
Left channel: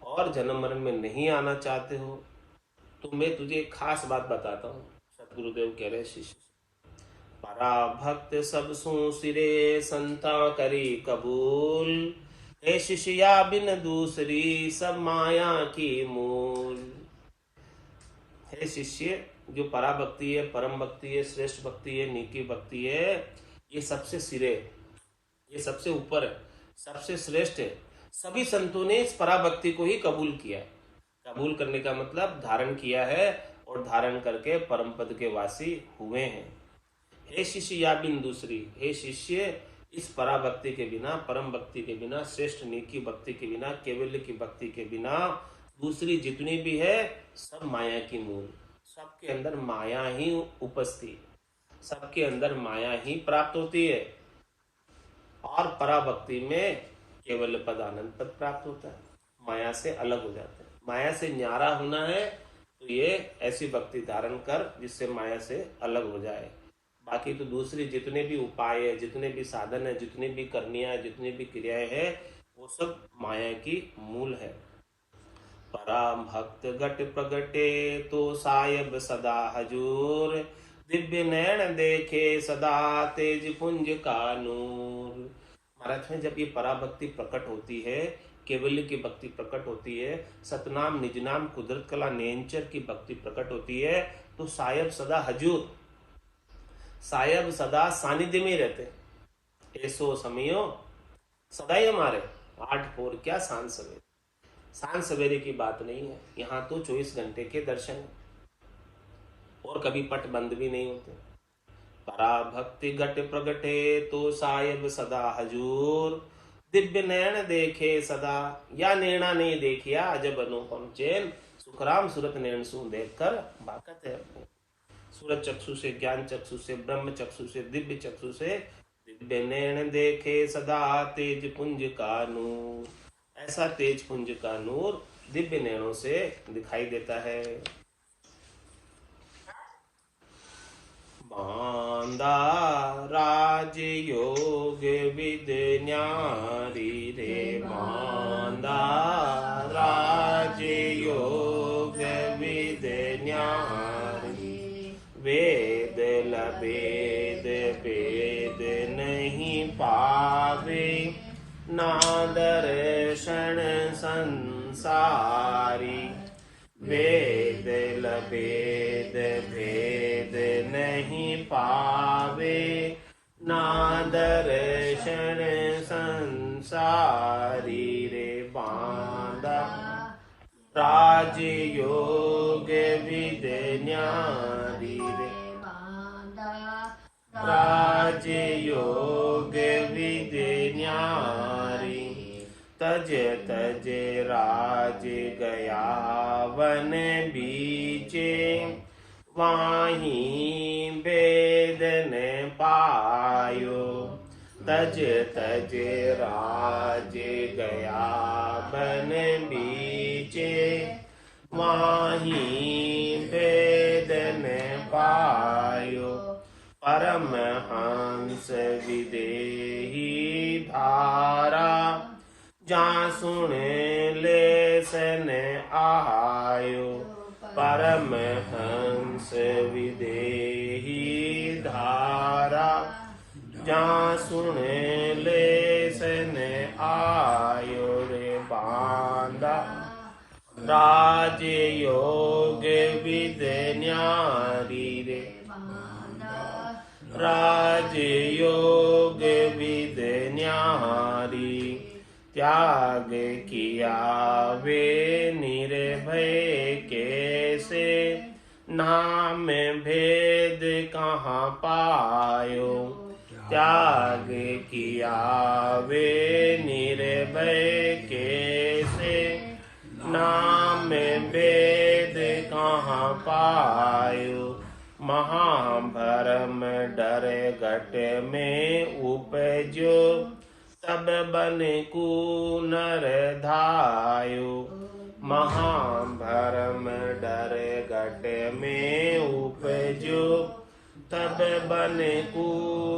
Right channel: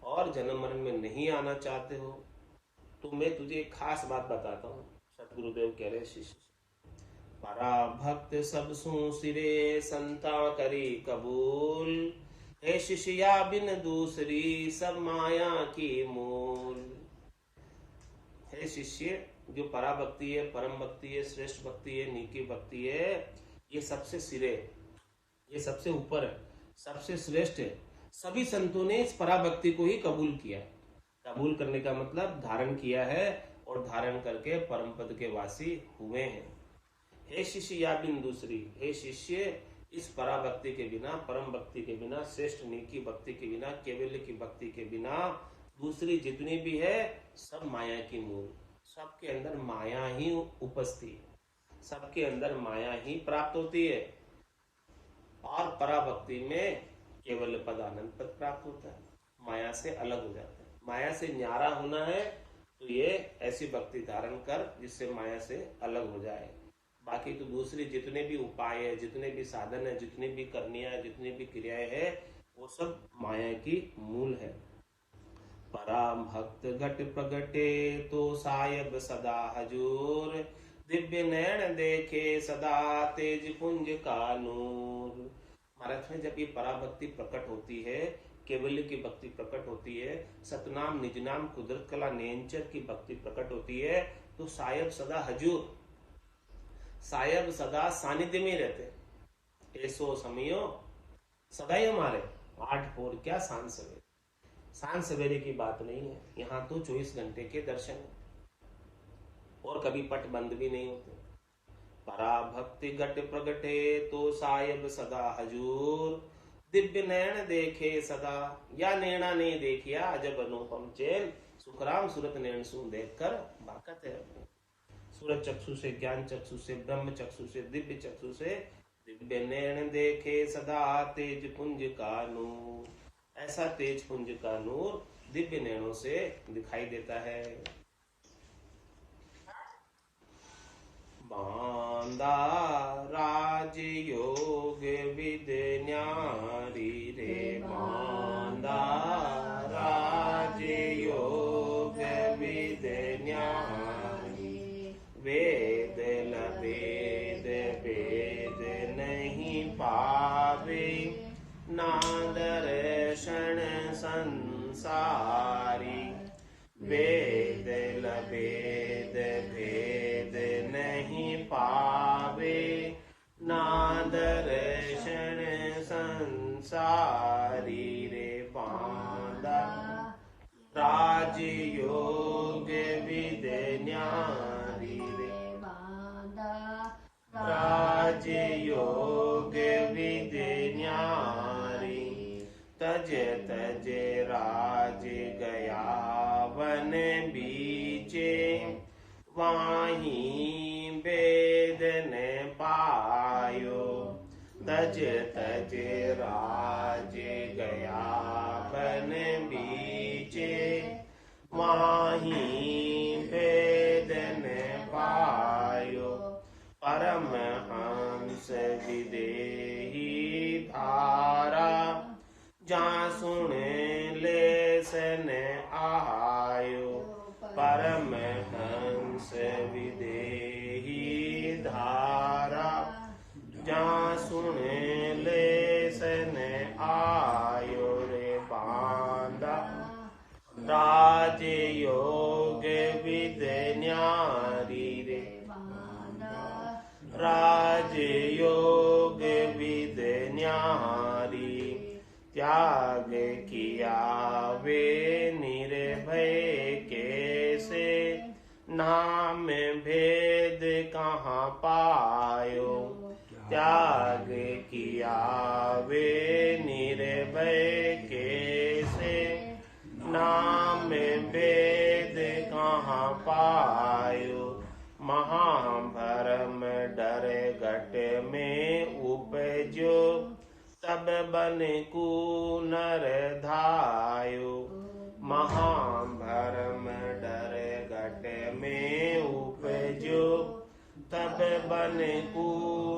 और जन्म मरण में नहीं आना चाहते हो, तो मैं तुझे एक खास बात बताता हूँ। सतगुरुदेव कह रहे शिष्य, परा भक्त सब सु सिरे संता करी कबूल, हे शिष्या बिन दूसरी सब माया की मूल। हे शिष्य, जो परा भक्ति है, परम भक्ति है, श्रेष्ठ भक्ति है, नीकी भक्ति है, ये सबसे सिरे, ये सबसे ऊपर है, सबसे श्रेष्ठ है। सभी संतों ने इस परा भक्ति को ही कबूल किया। कबूल करने का मतलब धारण किया है और धारण करके परम पद के वासी हुए हैं। हे शिष्य या बिन दूसरी, हे शिष्य, इस परा भक्ति के बिना, परम भक्ति के बिना, श्रेष्ठ नीकी भक्ति के बिना, केवल्य की भक्ति के बिना दूसरी जितनी भी है सब माया की मूल। सबके अंदर माया ही उपस्थित, सबके अंदर माया ही प्राप्त होती है। और पराभक्ति में केवल पद आनंद पद प्राप्त होता है, माया से अलग हो जाते हैं। माया से न्यारा होना है तो ये ऐसी भक्ति धारण कर जिससे माया से अलग हो जाए। बाकी तो दूसरी जितने भी उपाय है, जितने भी साधन है, जितनी भी करनियां है, जितनी भी क्रियाएं हैं, वो सब माया की मूल है। पराम भक्त घट प्रगटे तो सायब सदा हजूर, दिव्य नैन देखे सदा तेज पुंज का नूर। महाराज में जब ये पराभक्ति प्रकट होती है, केवल्य की भक्ति प्रकट होती है, सतनाम निज नाम कुदरत कला नेंचर की भक्ति प्रकट होती है, तो सायब सदा हजूर, सायब सदा सानिध्य में रहते। ऐसो समयो सदा ही हमारे, 8 पहर क्या सांझ सवेरे, सांझ सवेरे की बात नहीं है, यहाँ तो 24 घंटे के दर्शन है और कभी पट बंद भी नहीं होते। परा भक्ति घट प्रगटे तो सायब सदा हजूर, दिव्य नयन देखे सदा, या नैना नहीं देखिया अजब अनुपम चैन, सुखराम सुरत नैन सु देख कर बाकत है अपने। सूरज चक्षु से, ज्ञान चक्षु से, ब्रह्म चक्षु से, दिव्य चक्षु से, दिव्य नैन देखे सदा तेज पुंज का नूर। ऐसा तेज पुंज का नूर दिव्य नैनों से दिखाई देता है। मांदा राज योग विद न्यारी रे, मांदा राज योग विद न्यारी, वेद लभेद वेद नहीं पावे, ना दर्शन संसारी, वेद लभेद भेद नहीं पावे, ना दर्शन संसारी रे बांधा। राजयोग विद न्यारी रे राजयोग विद न्यारी। तज तज राज गया वन बीचे, वाहीं वेद न पायो। तज तज राज गया वन बीचे, वाहीं वेद न पायो। परमहंस विदेही धारा, जा सुन लेसन आयो। परमहंस विदेही धारा, जा सुन लेसन आयो रे बांधा। राजयोग विद न्यारी रे राजयोग विद न्यारी। त्याग किया वे निर्भय कैसे, नाम भेद कहाँ पायो। त्याग किया वे निर्भय कैसे, नाम भेद कहाँ पायो। महाभरम डर घट में उपजो, तब बन कू नर धायो। महाभरम डर घट में उपजो, तब बन कू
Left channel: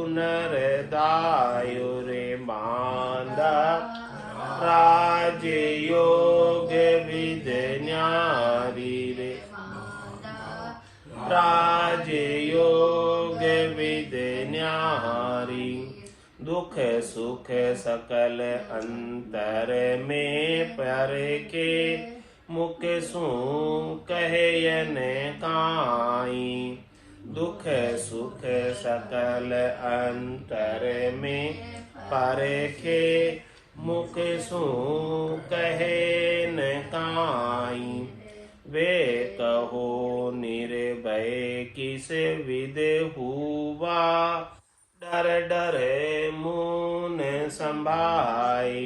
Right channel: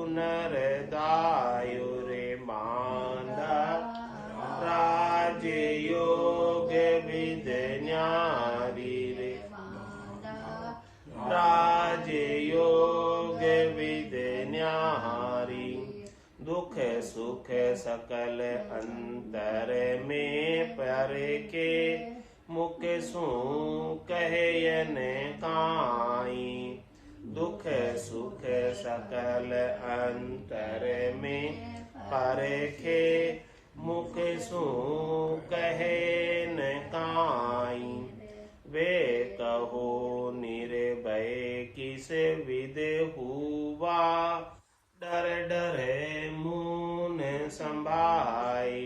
नर धायो रे बांधा। राजयोग विद न्यारी रे राजयोग विद न्यारी। दुख सुख सकल अंतर में परखे, मुख सु कहयन काई। दुख सुख सकल अंतर में परखे, मुख सु कहन काई। वे कहो निर्भय किस विद हुआ, डर डर मुन संभाई।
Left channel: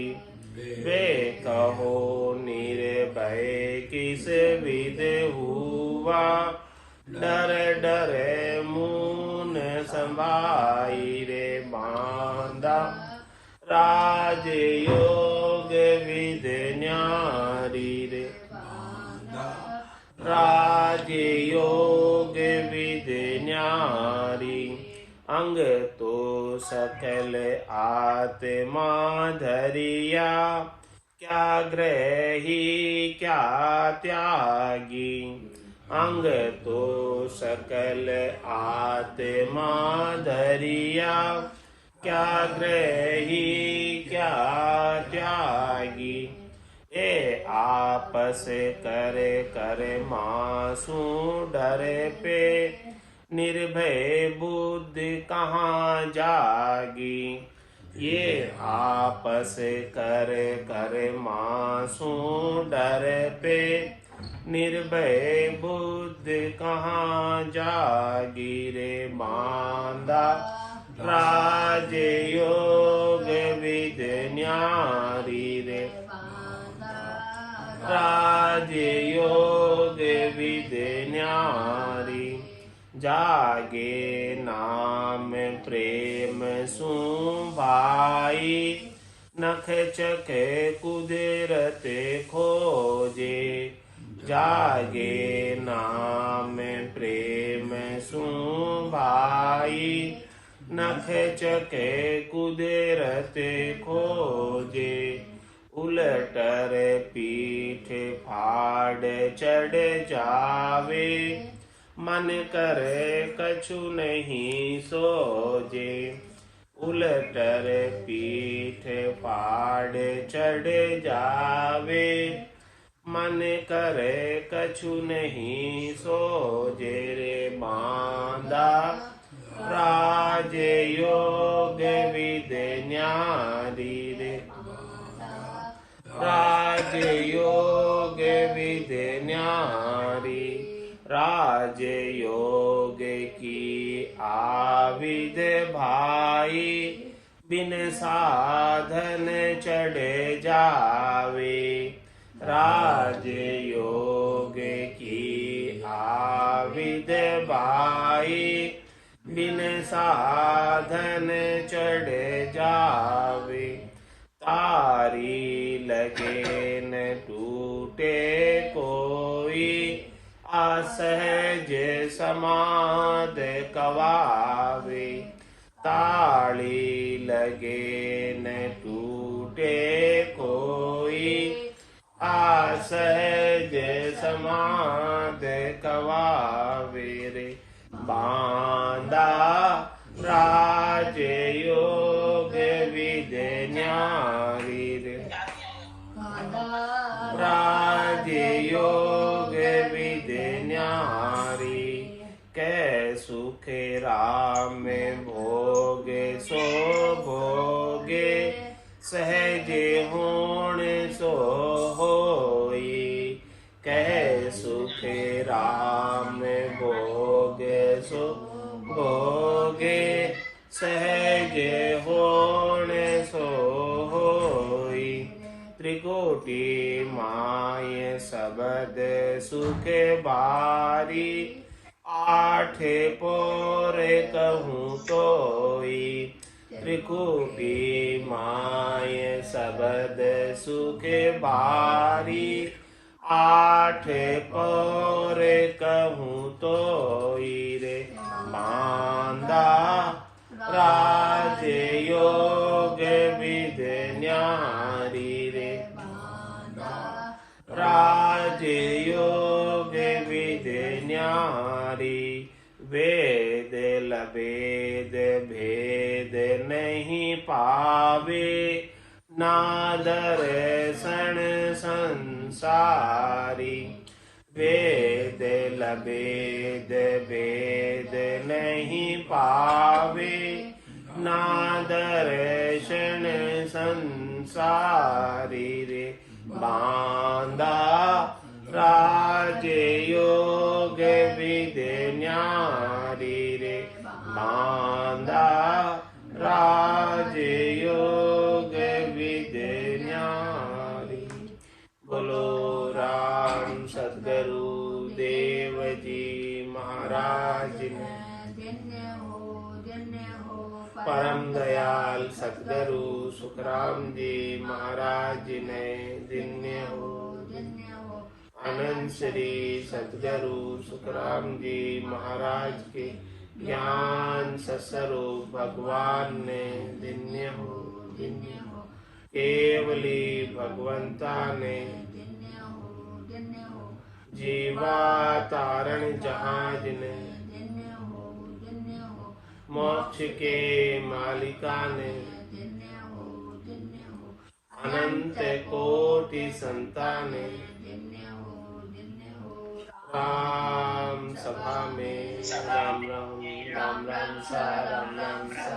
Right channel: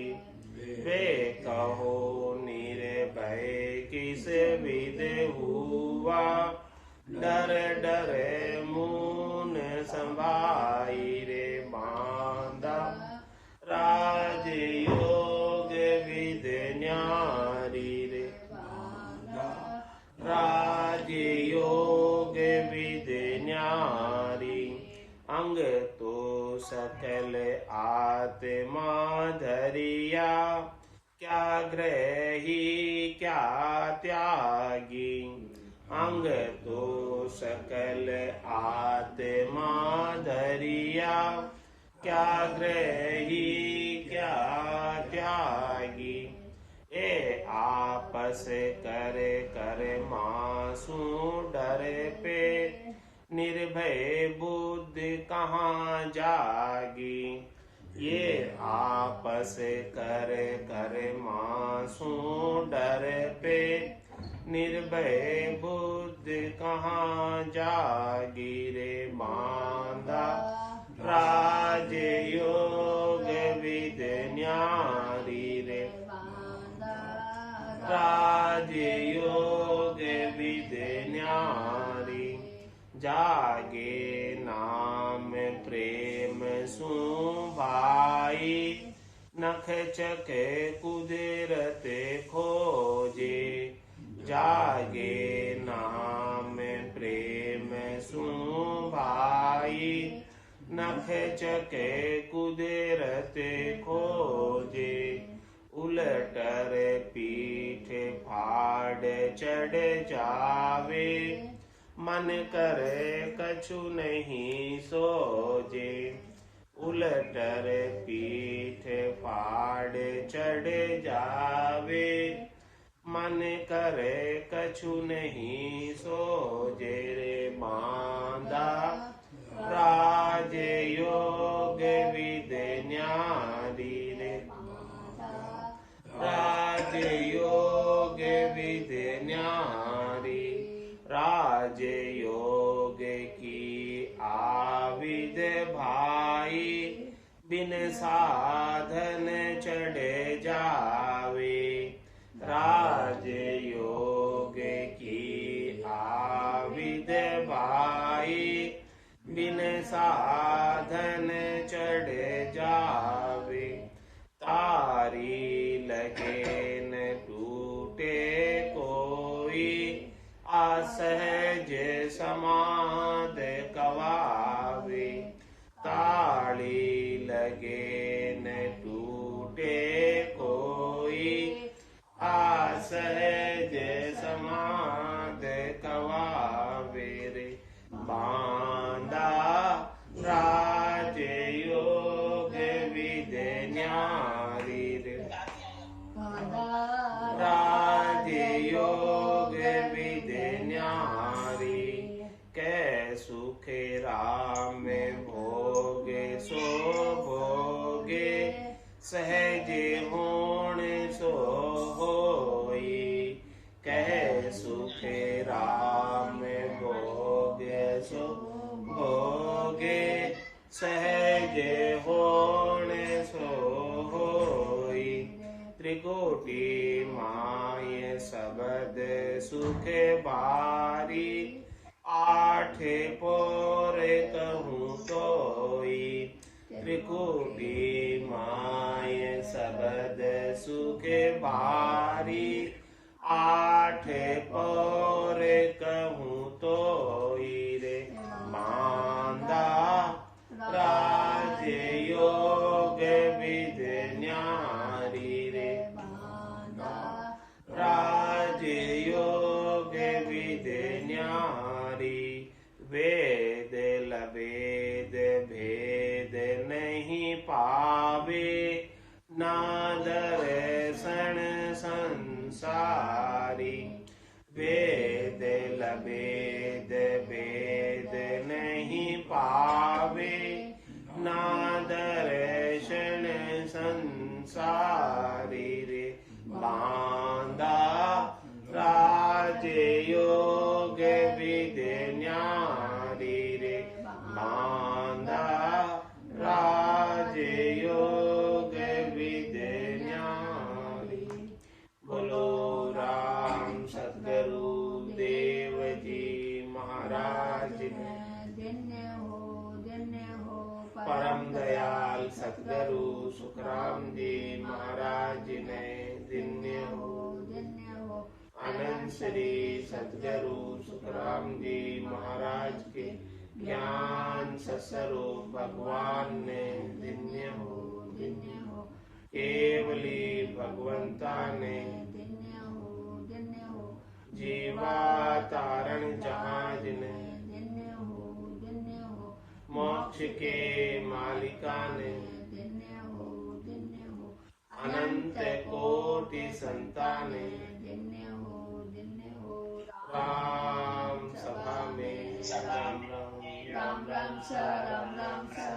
वे कहो निर्भय किस विद हुआ, डर डर मुन संभाई रे बांधा। राजयोग विद न्यारी रे राजयोग विद न्यारी। अंग तो सकल आत्मा धरिया, क्या ग्रही क्या त्यागी। अंग तो सकल आत्मा धरिया, क्या ग्रही क्या त्यागी। ए आपस कर कर मासू डर पे, निर्भय बुद्धि कहाँ जागी। ये आपस कर कर मासू डर पे, निर्भय बुद्धि कहाँ जागी रे बांधा। राजयोग विद न्यारी रे राजयोग विद न्यारी। जागे नाम प्रेम सु भाई, नख चक कुदरत खोजे। जागे नाम प्रेम सु भाई, नख चक कुदरत खोजे। उलटर पीठ फाड़ चढ़ जावे, मन कर कछु नहीं सोजे। उलटर पीठ फाड़ चढ़ जावे, मन करे कछु नहीं सोजे रे बांधा। राजयोग विद्य न्यारी रे राजयोग विद्य न्यारी राजयोग की आविद भाई बिन साधन चढ़े जावे राजयोग की आविद भाई बिन साधन चढ़े जावे तारी लगे न टूटे कोई असहज समाध कवावे ताली लगे न टूटे कोई असहज समाध कवावे रे बांधा राजयोग विद्य न्यारी रे राजयोग विद्य न्यारी कै सुख राम भोगे सो भोगे सहजे होण सो होई कै सुख राम भोगे सो भोगे सहजे होण सो होई त्रिकोटि माय सबद सुख बारी आठ पोर कहूँ तोई त्रिकोटि माय सबद सुख बारी आठ पोर कहूँ तोई रे मांदा राजयोग विद्य न्यारी रे राजयोग विद्य न्यारी वेद लवेद भेद नहीं पावे नादर सण संसारी वेद लवेद भेद नहीं पावे नादर्शन संसारी रे बांधा राजयोग विद्य न्यारी रे बांधा राजयोग विद्य न्यारी बोलो राम सद्गुरु देव जी महाराज ने परम दयाल सद्गुरु सुखराम जी महाराज ने दिन्य हो अनंत श्री सद्गुरु सुखराम जी महाराज के ज्ञान सस्वरूप भगवान ने दिन्य हो केवली भगवंता ने जीवा तारण जहाज ने मोक्ष के मालिका ने अनंत कोटि संताने राम सभा में राम राम राम राम सा राम राम सा